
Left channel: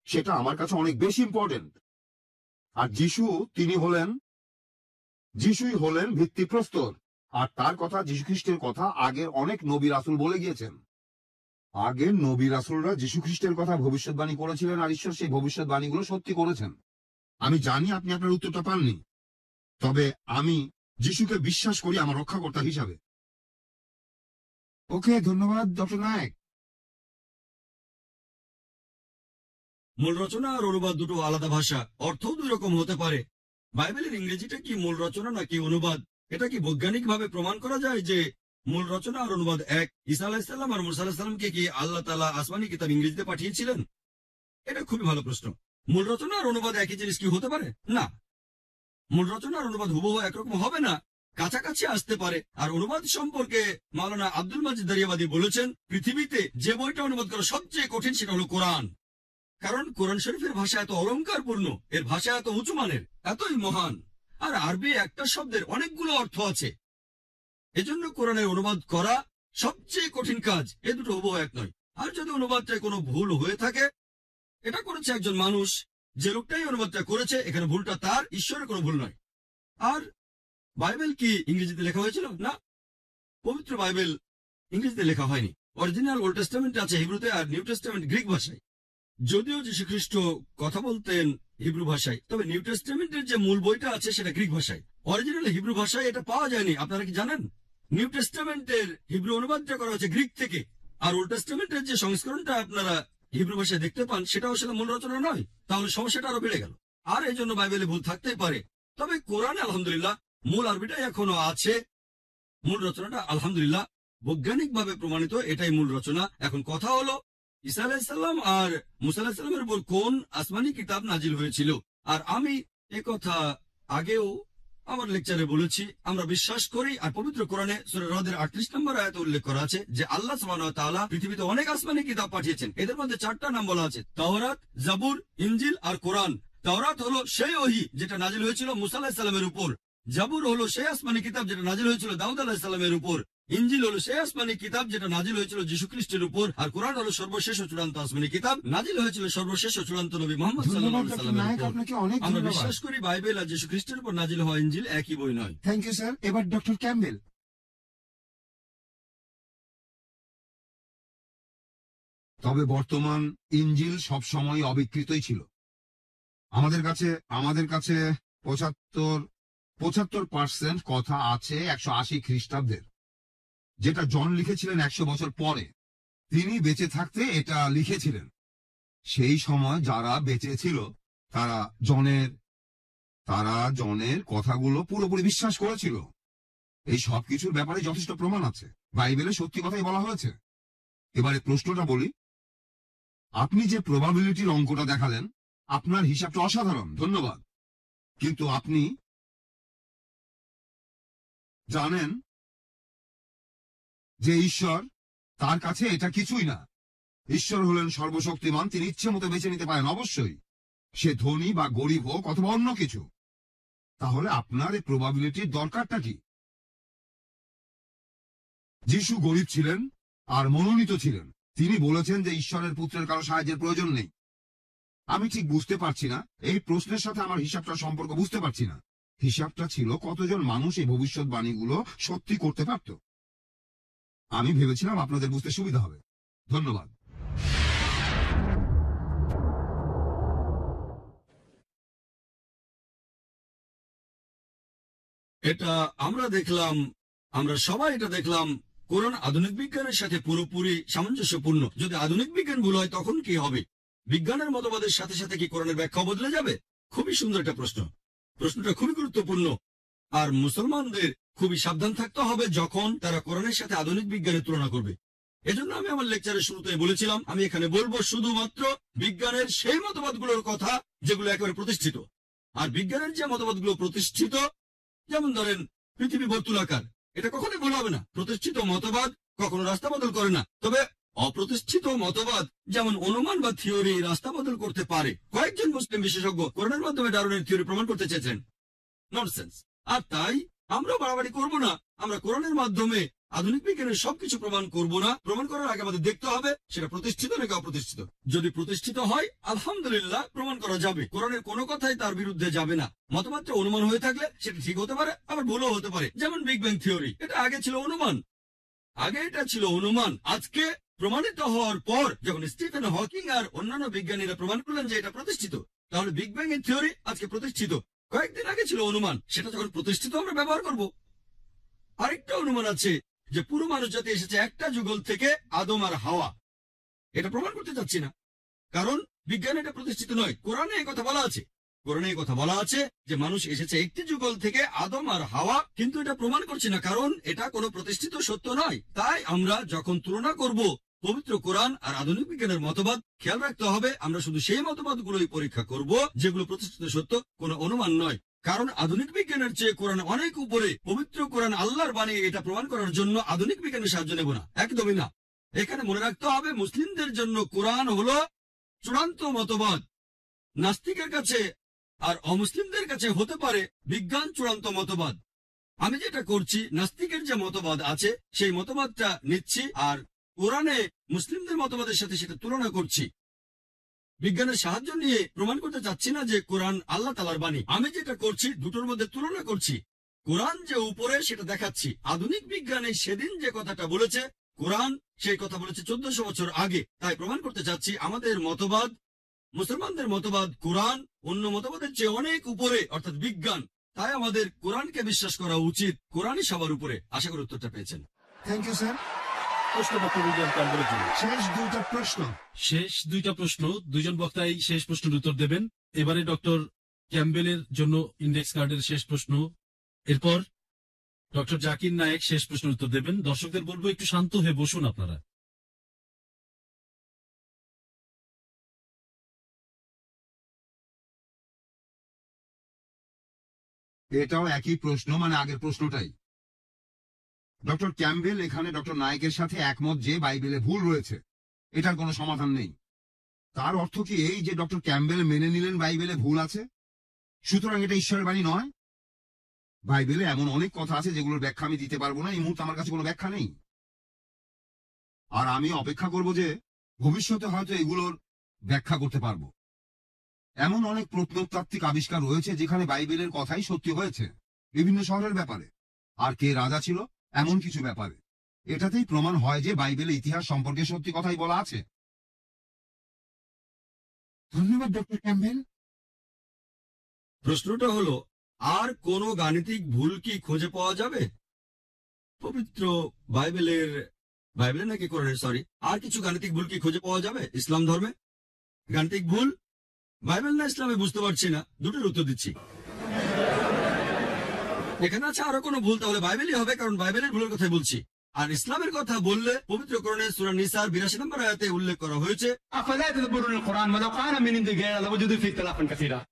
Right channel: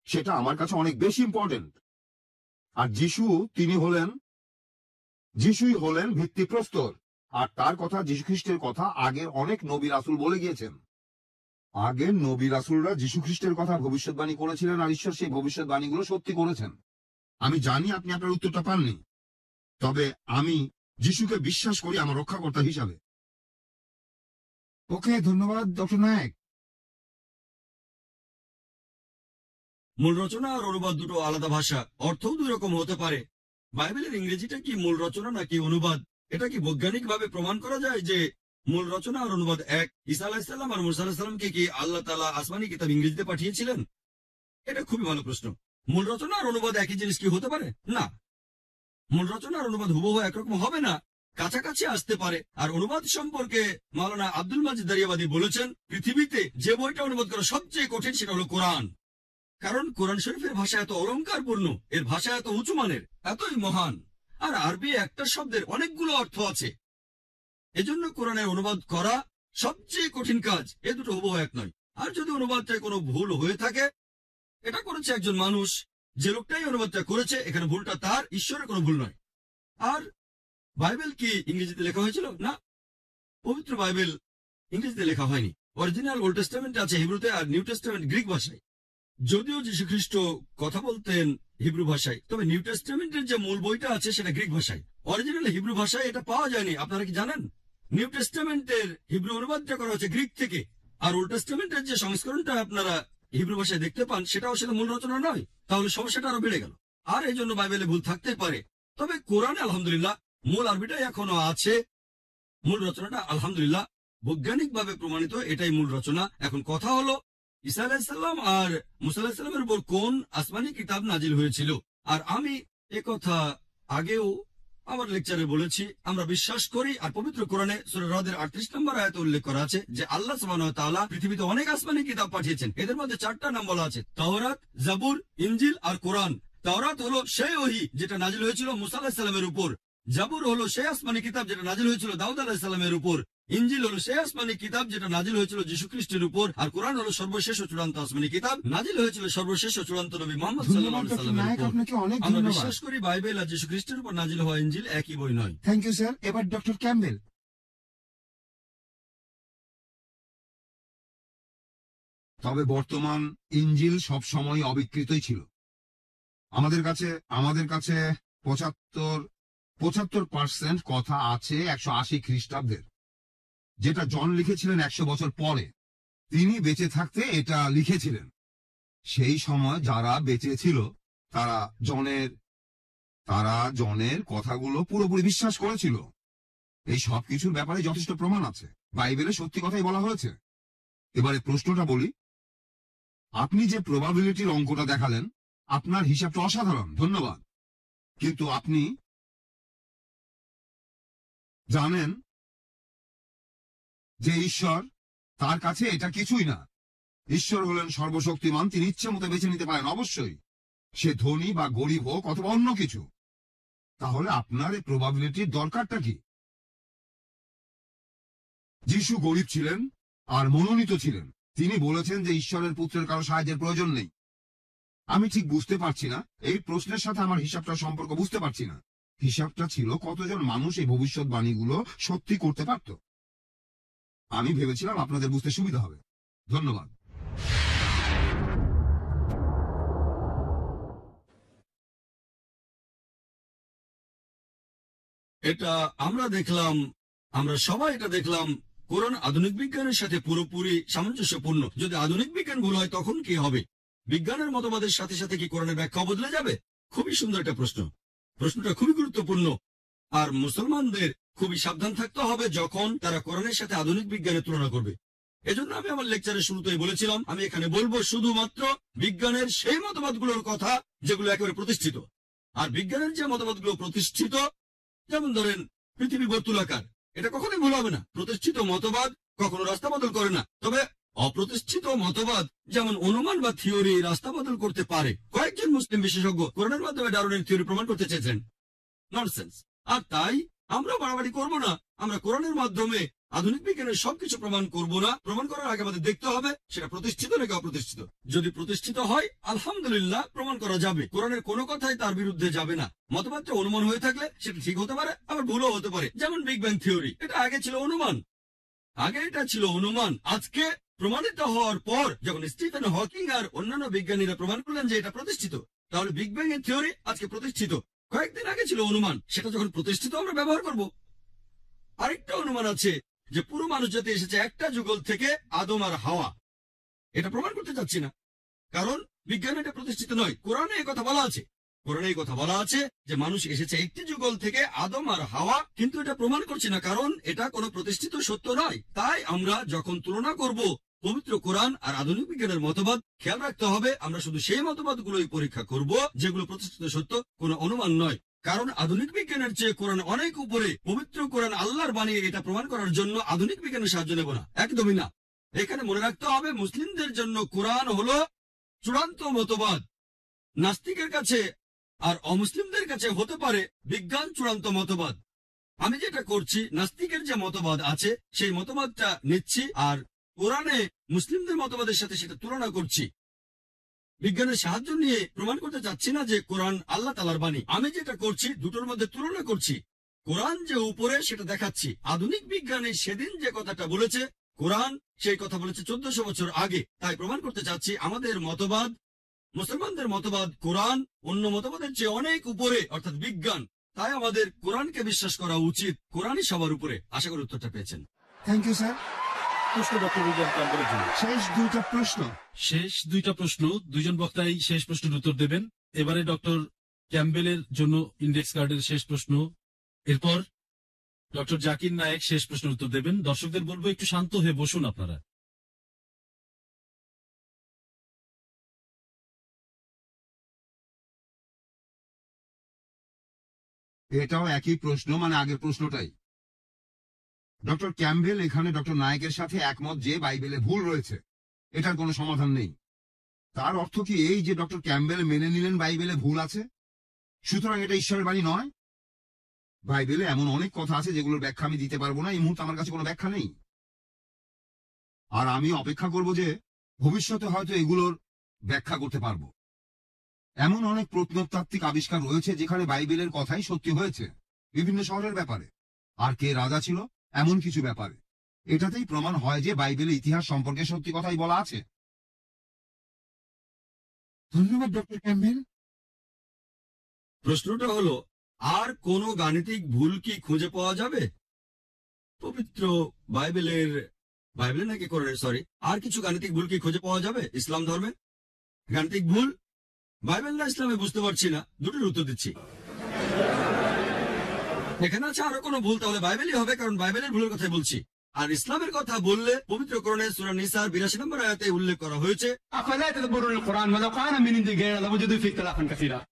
সেটা আমার কাছে অনেক বেশি ইম্পর্টেন্ট। আর যিশুই হলেন ভিত্তিপ্রস্তর, আর তার কথা, যীশু খ্রিস্টের কথা আগের অনেক নবী রাসূল বলে গিয়েছেন। আগের নবী রাসূলরা যীশু খ্রিস্টের কথা ভবিষ্যৎবাণী করেছিলেন, আর ঈশ্বর সেই ভবিষ্যৎবাণীগুলো সত্যি করেছেন। আমি জানি আপনি আপনার উত্তরটা পাননি, তবে আমি যিশুকে বিশ্বাস করি আমার রক্ষাকর্তা হিসাবে। ওকে, ধন্যবাদ ডক্টর নায়েক। মূল রচনা আর অনুবাদ দুটো আলাদা ভাষা, অর্থও দুই রকম হতে পারে। বাইবেলের ইংরেজিটা কি মূল রচনা নাকি অনুবাদ? এটা কি বৈজ্ঞানিকভাবে প্রমাণ করা যায় যে মূল রচনা আর অনুবাদ এক? ঈসা আলাইহিস সালাম আর মুসা আলাইহিস সালামকে কি আল্লাহ তাআলা আসমানি কিতাব ইংরেজিতে পাঠিয়েছিলেন? এটা খুবই ভালো প্রশ্ন। মূল রচনা আর অনুবাদ একই জিনিস কি হতে পারে? না, মূল রচনা আর অনুবাদ হুবহু একরকম হবে না, কাছাকাছি আসতে পারে। আর অনুবাদ সম্পর্কে মাওলানা আব্দুল মাজিদ দারিয়াবাদী বলেছেন, পৃথিবীতে যে বইটা অনুবাদ করা সবচেয়ে কঠিন সেটা হলো কোরআন। কারণ কোরআন শরীফের ভাষা এত অলংকারপূর্ণ, এর ভাষা এত উঁচু মানের, এতই মহান। আর আরবি একটা শব্দের অনেকগুলো অর্থ আছে, এজন্য কোরআনের অনুবাদ করা সবচেয়ে কঠিন কাজ। এ দুটো হুবহু এক নয়। আর যদি অনুবাদটায় কোনো ভুল হয়ে থাকে, এটা করেছে একজন মানুষ, যে লোকটাই অনুবাদটা করেছে, এখানে ভুলটা তার, ঈশ্বরের কোনো ভুল নয়। আর বাইবেল কি ইংরেজিতে লেখা হয়েছিল? না, পবিত্র বাইবেল ইংরেজিতে লেখা হয়নি। অরিজিনাল ওল্ড টেস্টামেন্ট আছে হিব্রুতে, আর নিউ টেস্টামেন্ট গ্রিক ভাষায়। যদিও যীশু খ্রিস্ট কথা বলতেন হিব্রু ভাষায়, তবে নিউ টেস্টামেন্টের যে মূল বইটা আছে সেটা গ্রিক ভাষায়। অরিজিনাল হিব্রু ভাষায় এটা পাওয়া যায়নি। আপনারা কি জানেন? নিউ টেস্টামেন্টের হিব্রু অনুবাদটা করা হয়েছে গ্রিক থেকে, আর ওল্ড টেস্টামেন্টের যে সংস্করণটা আপনারা হিব্রু ভাষায় দেখতে পান সেটাও আসলে মূল রচনা নয়। তাহলে সমস্যাটা আরো বেড়ে গেল। আর এই জন্য বাইবেলে ভুল থাকতে পারে। তবে কোরআনে আলহামদুলিল্লাহ মূল আরবিটাই এখনো আছে। মূল রচনাটা আলহামদুলিল্লাহ বৈজ্ঞানিকভাবে প্রমাণিত, এটাই মূল রচনা। এখন কথা হলো, ঈসা আলাইহিস সালাম আর মুসা আলাইহিস সালামের উপর কোন আসমানি কিতাব নাজিল হয়েছিল? আর আমি একথা আগেও আমার লেকচারে বলেছি, আমরা বিশ্বাস করি, আর পবিত্র কোরআনে সূরা রদের 38 নম্বর আয়াতে উল্লেখ করা আছে যে আল্লাহ সুবহানাহু ওয়া তাআলা পৃথিবীতে অনেক আসমানি কিতাব পাঠিয়েছেন। এদের মধ্যে 4টা নাম বলা আছে, তাওরাত, জাবুর, ইনজিল আর কোরআন। তাওরাত হলো সেই ওহী যেটা নাজিল হয়েছিল মুসা আলাইহিস সালামের উপর। জাবুর হলো সেই আসমানি কিতাব যেটা নাজিল হয়েছিল দাউদ আলাইহিস সালামের উপর। ইনজিল হলো সেই আসমানি কিতাব যেটা নাজিল হয়েছিল যীশু খ্রিস্টের উপর। আর কোরআন হলো সর্বশেষ ও চূড়ান্ত আসমানি কিতাব, নাজিল হয়েছিল সর্বশেষ ও চূড়ান্ত নবী মুহাম্মদ সাল্লাল্লাহু আলাইহি সাল্লামের উপর। আমরা বিশ্বাস করি বাইবেল আর যীশু খ্রিস্টের উপর নাজিল হওয়া ইনজিল একই বই নয়। Thank you sir. এবার ডক্টর ক্যাম্বেল। তবে বর্তমান ইনজিল সব সময় অবিকৃতই ছিল। আমাদের কাছে 75% কথা আছে 180 খ্রিস্টাব্দের, যেটা জন লিখেছিলেন 100 বছর পরে। তিনি বেঁচে থাকতে এটা লিখেছিলেন। সেই সময় যারা বেঁচে ছিল তারা জনের কথাগুলো পুরোপুরি বিশ্বাস করেছিল। এই সব কিছুর ব্যাপারে যথেষ্ট প্রমাণ আছে, বাইবেলে সত্যি কথাই বলা হয়েছে। এবারে প্রশ্নটা বলি, আপনি যে প্রবাবিলিটির অঙ্কটা দেখালেন, আপনার হিসাবটা অসাধারণ, ধন্যবাদ। কিন্তু আপনি জানেন যে ঈশ্বর, তার কাছে এটা কিছুই না। ঈশ্বর হলেন সর্বশক্তিমান, তিনি ইচ্ছে মতো বেছে নিতে পারেন, অবশ্যই সে ধনী বা গরিব হোক অথবা অন্য কিছু। তাহলে আপনার এই প্রবাবিলিটির দরকারটা কি? যিশু গরিব ছিলেন আর মনোনীত ছিলেন। তিনি বলেছেন যে ঈশ্বরের পুত্রের কারো সাহায্যের প্রয়োজন নেই। আমি ঠিক বুঝতে পারছি না, এই প্রশ্নের সাথে আমার হিসাবটার সম্পর্ক বুঝতে পারছি না। হিসাবটা ছিল কতজন মানুষ এই ভবিষ্যৎবাণীগুলো সত্যি করতে পারত। আমি ভেবেছিলাম আপনাদের বুঝতে সুবিধা হবে। ধন্যবাদ। এটা আমরা সবাই এটা দেখলাম। কোরআন আধুনিক বিজ্ঞানের সাথে পুরোপুরি সামঞ্জস্যপূর্ণ। যদি আধুনিক বিজ্ঞান ভুল হয় তখন কি হবে? বিজ্ঞানের মতবাদের সাথে সাথে কি কোরআনের ব্যাখ্যা বদলে যাবে? খুবই সুন্দর একটা প্রশ্ন। প্রশ্নটা খুবই গুরুত্বপূর্ণ। আর মুসলমানদের খুবই সাবধান থাকতে হবে যখন তারা কোরআনের সাথে আধুনিক বিজ্ঞানের তুলনা করবে। এজন্য আমি আমার লেকচারের শুরুতেই বলেছিলাম আমি এখানে বলবো শুধুমাত্র বিজ্ঞানের সেই মতবাদগুলোর কথা যেগুলো একেবারে প্রতিষ্ঠিত। আর বিজ্ঞানের যে মতবাদগুলো প্রতিষ্ঠিত, যেমন ধরেন পৃথিবী বর্তুলাকার, এটা কখনোই ভুল হবে না। প্রতিষ্ঠিত মতবাদ কখনো রাস্তা বদল করে না। তবে অপ্রতিষ্ঠিত মতবাদ যেমন অনুমান বা থিওরি রাস্তা বদল করতে পারে। কয়েকজন মুসলিম বিশেষজ্ঞ কোরআনের মাধ্যমে ডারউইনের থিওরি প্রমাণ করতে চেয়েছেন। ননসেন্স। আর তাই আমরা বাড়াবাড়ি করব না। আমরা কোরআনের মাধ্যমে আধুনিক বিজ্ঞানের সবকিছু প্রমাণ করব না। প্রমাণ করার আগে আমাদের দেখতে হবে সেটা প্রতিষ্ঠিত নাকি অপ্রতিষ্ঠিত। যদি প্রতিষ্ঠিত হয় আলহামদুলিল্লাহ প্রমাণ করা যাবে। কোরআনের কোনো কথাই তার বিরুদ্ধে যাবে না। মতবাদটা অনুমান হয়ে থাকলে সেটা ঠিক হতে পারে, আবার ভুলও হতে পারে। যেমন বিগ ব্যাং থিওরি, এটা আগে ছিল অনুমান। এটা ছিল অনুমান। আজকে প্রমাণিত হওয়ার পর যখন স্টিফেন হকিং আর অন্যান্য বিজ্ঞানীরা প্রমাণ করলেন যে এটা প্রতিষ্ঠিত, তাহলে বিগ ব্যাং এর থিওরি আজকে প্রতিষ্ঠিত। কয়েকদিন আগে ছিল অনুমান, সেটা যখন প্রতিষ্ঠিত আমরা ব্যবহার করব। আরেকটা অনুমান আছে যে পুরো মানুষ জাতি এসেছে একটা যুগল থেকে, আদম আর হাওয়া। এটা প্রমাণ করতে চাচ্ছি না, কারণ বিজ্ঞান এটা প্রতিষ্ঠিত নয়। কোরআনে এই কথা বলা আছে। কোরআনে এই কথা বলা আছে যে মানুষ এসেছে একটি যুগল থেকে, আদম আর হাওয়া, কিন্তু এটা প্রমাণ করছি না, কারণ এটা কোনো প্রতিষ্ঠিত সত্য নয়। তাই আমরা যখন তুলনা করব পবিত্র কোরআন আর আধুনিক বিজ্ঞানের মতবাদ, খেয়াল রাখতে হবে আমরা শুধু সেই মতবাদগুলোই পরীক্ষা করব যেগুলো প্রতিষ্ঠিত সত্য, কোনো অনুমান নয়। কারণ আধুনিক বিজ্ঞানের চেয়ে কোরআন অনেক উপরে। পবিত্র কোরআন আল্লাহর বাণী, এটা প্রমাণ করার জন্য আধুনিক বিজ্ঞানের সাহায্য নেব না, একদমই না। এখানে মনে রাখতে হবে মুসলিমদের জন্য কোরআন হলো চূড়ান্ত মতবাদ। নাস্তিকের কাছে আর অমুসলিমদের কাছে হতে পারে বিজ্ঞান চূড়ান্ত মতবাদ। আমি যেটা করছি, নাস্তিকের যে মতবাদ আছে সেই মতবাদটা নিচ্ছি, আর কোরআনে মুসলিমদের মতবাদের সাথে সেটা তুলনা করছি। বিজ্ঞানের সাহায্য নিয়ে প্রমাণ করতে চাচ্ছি না যে কোরআন আল্লাহ তাআলার বাণী। আমি যেটা করছি দুটোর মধ্যে তুলনা করছি। কোরআন যে উপরে সেটা দেখাচ্ছি। আধুনিক বিজ্ঞানে সেদিন যে কথাটা বলেছে কোরআন সেই কথা বলেছে 1400 বছর আগে। তাই প্রমাণ করতে চাচ্ছি আমাদের মতবাদ, মুসলমানদের মতবাদ, কোরআন অন্য মতবাদের চেয়ে অনেক উপরে, অর্থাৎ বিজ্ঞান। তাই আমাদের কোরআনকে বিশ্বাস করা উচিত। কোরআনই সবার উপরে। আশা করি উত্তরটা পেয়েছেন। Thank you sir. প্রশ্ন ডক্টর উইলিয়াম ক্যাম্বেলের জন্য। শেষ দুইটা প্রশ্ন, দুইজন বক্তাই শেষ প্রশ্নের উত্তর দেবেন। এবারে ডক্টর ক্যাম্বেলের জন্য ইন্ডেক্স কার্ডের শেষ প্রশ্ন, এরপর ডক্টর জাকির নায়েক শেষ প্রশ্নের উত্তর দেবেন। দর্শকদের বলবো একটু শান্ত হয়ে বসুন আপনারা। এটাও একই প্রশ্ন, মানে আগের প্রশ্নটাই। ডক্টর ক্যাম্বেল এখানে ডক্টর নায়েকের সাথে একমত যে বাইবেলে ভুল রয়েছে, এটার কোনো সমাধান নেই। তার অর্থ কি এই যে ডক্টর ক্যাম্বেল মেনে নিলেন বাইবেলে ভুল আছে, সুতরাং এটা ঈশ্বরের বাণী নয়? বাইবেলে এমন অনেক কথা আছে যেগুলোর ব্যাখ্যা আমি দিতে পারবো না। এই মুহূর্তে আমার কাছে কোনো ব্যাখ্যা নেই, আর আমি অপেক্ষা করব যে ভবিষ্যতে হয়তো এগুলোর ব্যাখ্যা করতে পারবো। এমন অনেক প্রত্নতাত্ত্বিক আবিষ্কার রয়েছে যেখানে বাইবেলের কথাই সত্যি হয়েছে, বিভিন্ন শহরের ব্যাপারে, আর কে রাজা ছিল এমন কিছু ব্যাপারে। এটাতেই প্রমাণ হয় যে বাইবেলে ইতিহাস সম্পর্কে সত্যি কথাই বলা আছে। ধন্যবাদ ডক্টর ক্যাম্বেল। প্রশ্নটা হলো, আর কোনো গাণিতিক ভুল কি খুঁজে পাওয়া যাবে পবিত্র বাইবেলের নাকি কোরআনের, সরি, আর কিছু গাণিতিক ভুল কি খুঁজে পাওয়া যাবে ইসলাম ধর্মে? গাণিতিক ভুল বাইবেল না ইসলামে বুঝতে পারছি না, দুটোর উত্তর দিচ্ছি। এখানে আছে আরো কোনো ভুল, তাহলে বাইবেলই হবে, কারণ বাইবেলের ভুলের কথাই বলছি। আর ইসলামের কথা বললে পবিত্র কোরআনে সূরা নিসার 82 নম্বর আয়াতে উল্লেখ করা হয়েছে,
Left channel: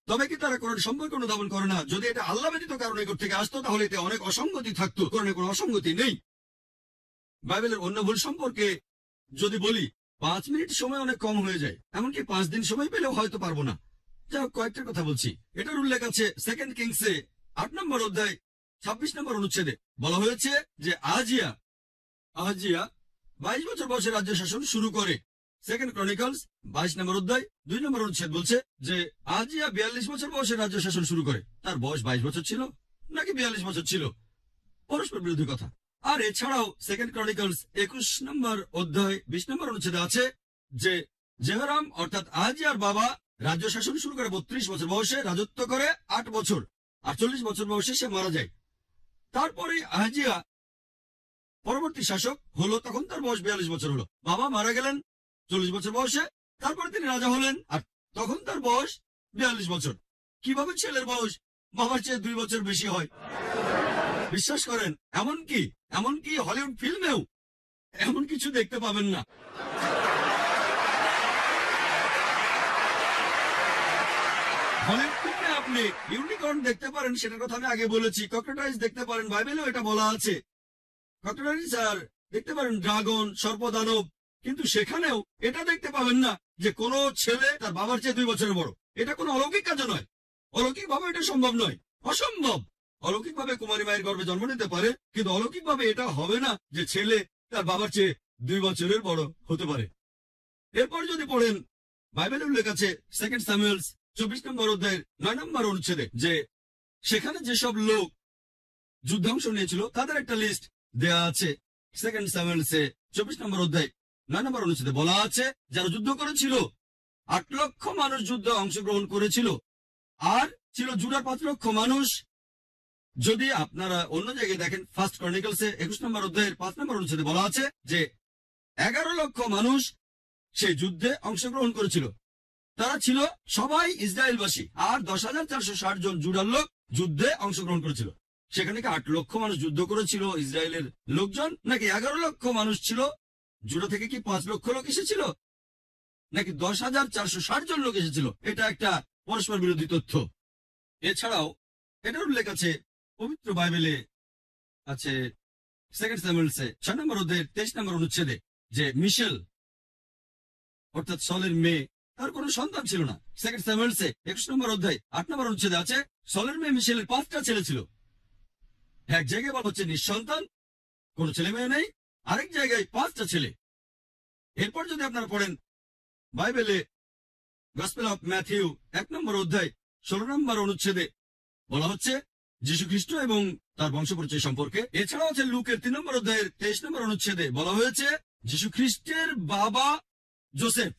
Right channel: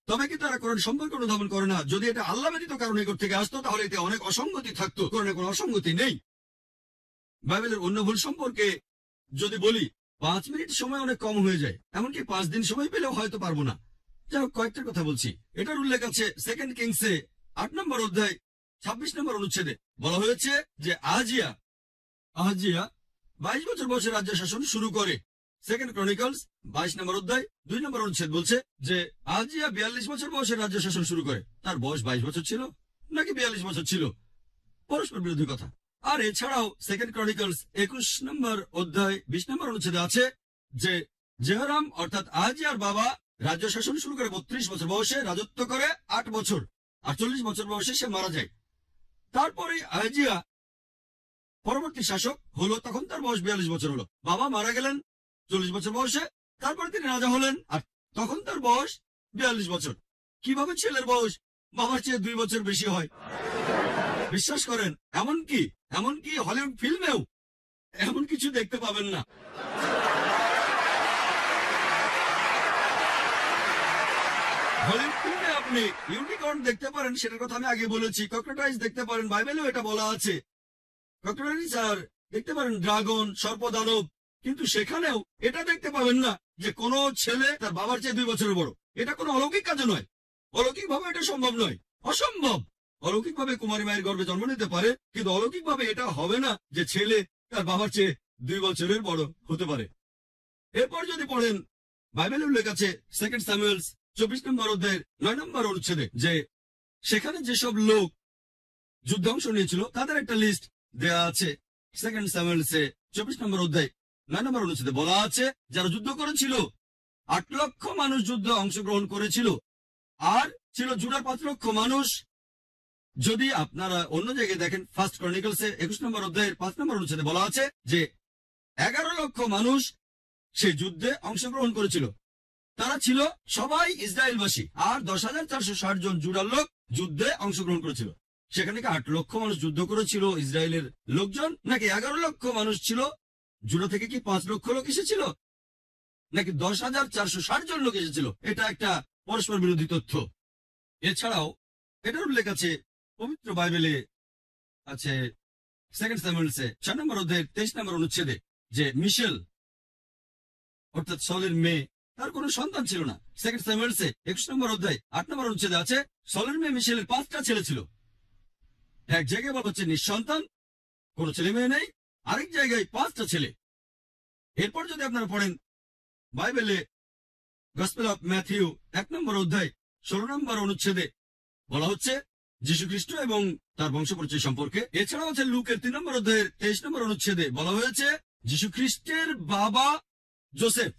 তবে কি তারা কোরআন সম্পর্কে অনুধাবন করে না? যদি এটা আল্লাহ ব্যতীত কারো নিকট থেকে আসতো তাহলে এতে অনেক অসঙ্গতি থাকতো। কোরআনে কোনো অসঙ্গতি নেই। বাইবেলের অন্য ভুল সম্পর্কে যদি বলি, 5 মিনিট সময় অনেক কম হয়ে যায়, এমনকি 5 দিন সময় পেলেও হয়তো পারবো না। যাই হোক, কয়েকটা কথা বলছি। এটার উল্লেখ আছে 2 কিংসে 8 নম্বর অধ্যায় 26 নম্বর অনুচ্ছেদে। বলা হয়েছে যে আহাজিয়া 22 বছর বয়সে রাজ্য শাসন শুরু করে। 2 ক্রনিকলস 22 নম্বর অধ্যায় 2 নম্বর অনুচ্ছেদ বলছে যে আহাজিয়া 42 বছর বয়সে রাজ্য শাসন শুরু করে। তার বয়স 22 বছর ছিল নাকি 42 বছর ছিল? পরস্পর বিরোধী কথা। আর এছাড়াও 2 ক্রনিকলস 21 নম্বর অধ্যায় 20 নম্বর অনুচ্ছেদে আছে যে জেহরাম অর্থাৎ আহাজিয়ার বাবা রাজ্য শাসন শুরু করে 32 বছর বয়সে, রাজত্ব করে 8 বছর, আর 40 বছর বয়সে সে মারা যায়। তারপরে আহাজিয়া পরবর্তী শাসক হলো, তখন তার বয়স 42 বছর হলো। বাবা মারা গেলেন 40 বছর বয়সে, তারপরে তিনি রাজা হলেন, আর তখন তার বয়স 42 বছর। কিভাবে ছেলের বয়স বাবার চেয়ে 2 বছর বেশি হয়? বিশ্বাস করেন, এমনকি হলিউড ফিল্মেও এমন কিছু দেখতে পাবেন না। হলিউড ফিল্মে আপনি ইউনিকর্ন দেখতে পারেন, সেটার কথা আমি আগে বলেছি। ককটেলাইজ দেখতে পারেন, বাইবেলেও এটা বলা আছে। ককটেলাইজ আর দেখতে পারেন ড্রাগন, সর্পদানব, কিন্তু সেখানেও এটা দেখতে পাবেন না যে কোনো ছেলে তার বাবার চেয়ে 2 বছরের বড়। এটা কোনো অলৌকিক কাজ নয়, অলৌকিক ভাবে এটা সম্ভব নয়, অসম্ভব। অলৌকিক ভাবে কুমারী মায়ের গর্ভে জন্ম নিতে পারে, কিন্তু অলৌকিক ভাবে এটা হবে না যে ছেলে তার বাবার চেয়ে 2 বছরের বড় হতে পারে। এরপর যদি পড়েন, বাইবেলে উল্লেখ আছে 2 স্যামুয়েলস 24 নম্বর অধ্যায়ের 9 নম্বর অনুচ্ছেদে যে সেখানে যেসব লোক যুদ্ধে অংশ নিয়েছিল তাদের একটা লিস্ট দেয়া আছে। 2 স্যামুয়েলসে 24 নম্বর অধ্যায় 9 নম্বর অনুচ্ছেদে বলা আছে যারা যুদ্ধ করেছিল 8 লক্ষ মানুষ যুদ্ধে অংশগ্রহণ করেছিল, আর ছিল জুডার 5 লক্ষ মানুষ। যদি আপনারা অন্য জায়গায় দেখেন, ফার্স্ট ক্রনিকলসে 21 নম্বর অধ্যায়ের 5 নম্বর অনুচ্ছেদে বলা আছে যে 11 লক্ষ মানুষ সেই যুদ্ধে অংশগ্রহণ করেছিল। তারা ছিল সবাই ইসরায়েলবাসী, আর 10,460 জন জুডার লোক যুদ্ধে অংশগ্রহণ করেছিল। সেখানে কি 8 লক্ষ মানুষ যুদ্ধ করেছিল ইসরায়েলের লোকজন, নাকি 11 লক্ষ মানুষ ছিল? জুডা থেকে কি 5 লক্ষ লোক এসেছিল, নাকি 10,460 জন লোক এসেছিল? এটা একটা পরস্পর বিরোধী তথ্য। এছাড়াও এটার উল্লেখ আছে পবিত্র বাইবেলে আছে 2 স্যামুয়েলসে 6 নম্বর অধ্যায়ের 23 নম্বর অনুচ্ছেদে যে মিশেল অর্থাৎ সলের মেয়ে, তার কোনো সন্তান ছিল না। 2 স্যামুয়েলসে 21 নম্বর অধ্যায় 8 নম্বর অনুচ্ছেদে আছে সলের মেয়ে মিশেলের 5টা ছেলে ছিল। এক জায়গায় বলা হচ্ছে নিঃসন্তান, কোনো ছেলে মেয়ে নেই, আরেক জায়গায় 5টা ছেলে। এরপর যদি আপনারা পড়েন বাইবেলে গসপেল অফ ম্যাথিউ 1 নম্বর অধ্যায় 16 নম্বর অনুচ্ছেদে বলা হচ্ছে যীশু খ্রিস্ট এবং তার বংশপরিচয় সম্পর্কে। এছাড়াও আছে লুকের 3 নম্বর অধ্যায়ের 23 নম্বর অনুচ্ছেদে বলা হয়েছে যীশু খ্রিস্টের বাবা জোসেফ,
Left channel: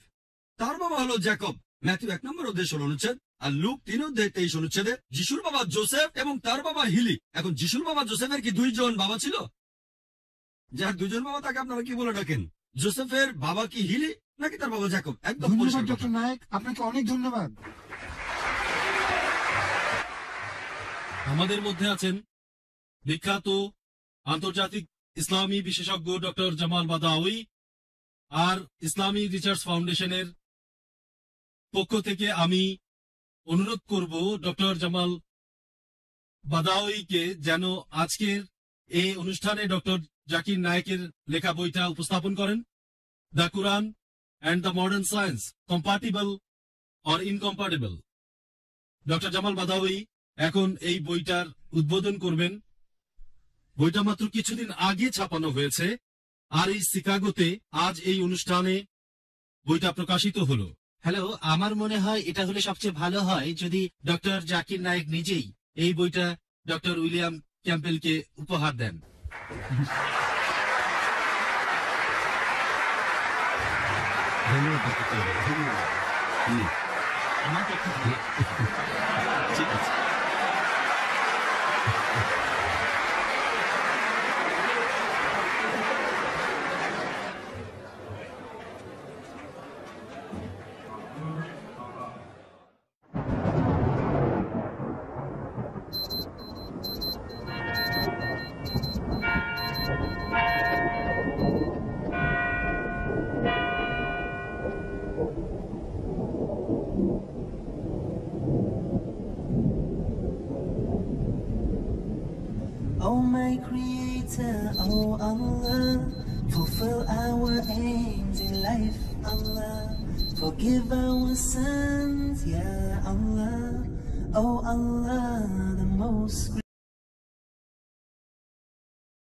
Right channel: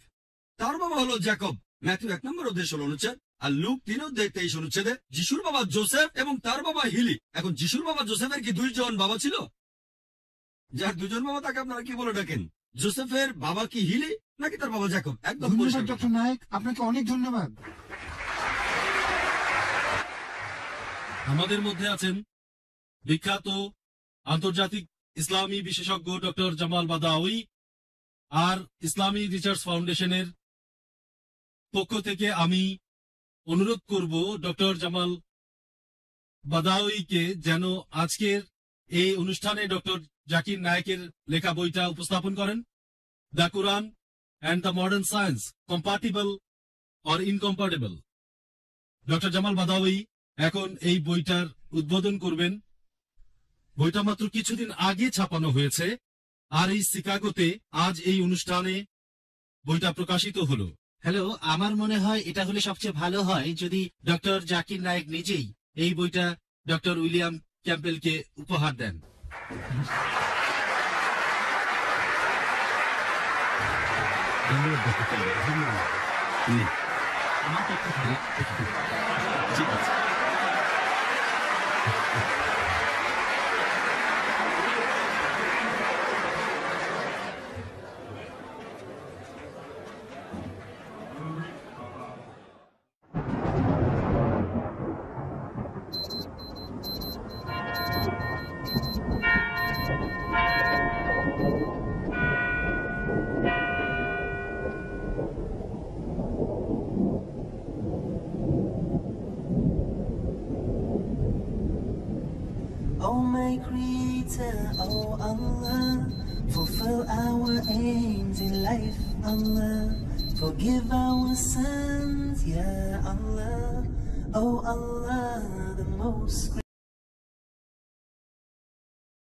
তার বাবা হলো জ্যাকব। ম্যাথিউ 1 নম্বর অধ্যায় 16 অনুচ্ছেদ, আর লুক 3 অধ্যায় 23 অনুচ্ছেদে যিশুর বাবা জোসেফ এবং তার বাবা হিলি। এখন যিশুর বাবা জোসেফের কি 2 জন বাবা ছিল? যার 2 জন বাবা তাকে আপনারা কি বলে ডাকেন? জোসেফের বাবা কি হিলি নাকি তার বাবা জ্যাকব? একদম ধন্যবাদ ডক্টর নায়েক, আপনাকে অনেক ধন্যবাদ। আমাদের মধ্যে আছেন বিখ্যাত আন্তর্জাতিক ইসলামী বিশেষজ্ঞ ডক্টর জামাল বাদাউই, আর ইসলামী রিসার্চ ফাউন্ডেশনের পক্ষ থেকে আমি অনুরোধ করব ডক্টর জামাল বাদাউইকে যেন আজকের এই অনুষ্ঠানে ডক্টর জাকির নায়েকের লেখা বইটা উপস্থাপন করেন, the Quran and the modern science, compatible or incompatible. Doctor Jamal Badawi এখন এই বইটার উদ্বোধন করবেন। বইটা মাত্র কিছুদিন আগে ছাপানো হয়েছে, আর এই শিকাগোতে আজ এই অনুষ্ঠানে বইটা প্রকাশিত হলো। হ্যালো, আমার মনে হয় এটা হলে সবচেয়ে ভালো হয় যদি ডক্টর জাকির নায়েক নিজেই এই বইটা ডক্টর উইলিয়াম ক্যাম্পবেলকে উপহার দেন। ধন্যবাদ ডক্টর ক্যাম্পবেল, ধন্যবাদ। Oh my Creator, oh Allah, fulfill our aims in life, Allah. Forgive our sins, Ya Allah. Oh Allah, the most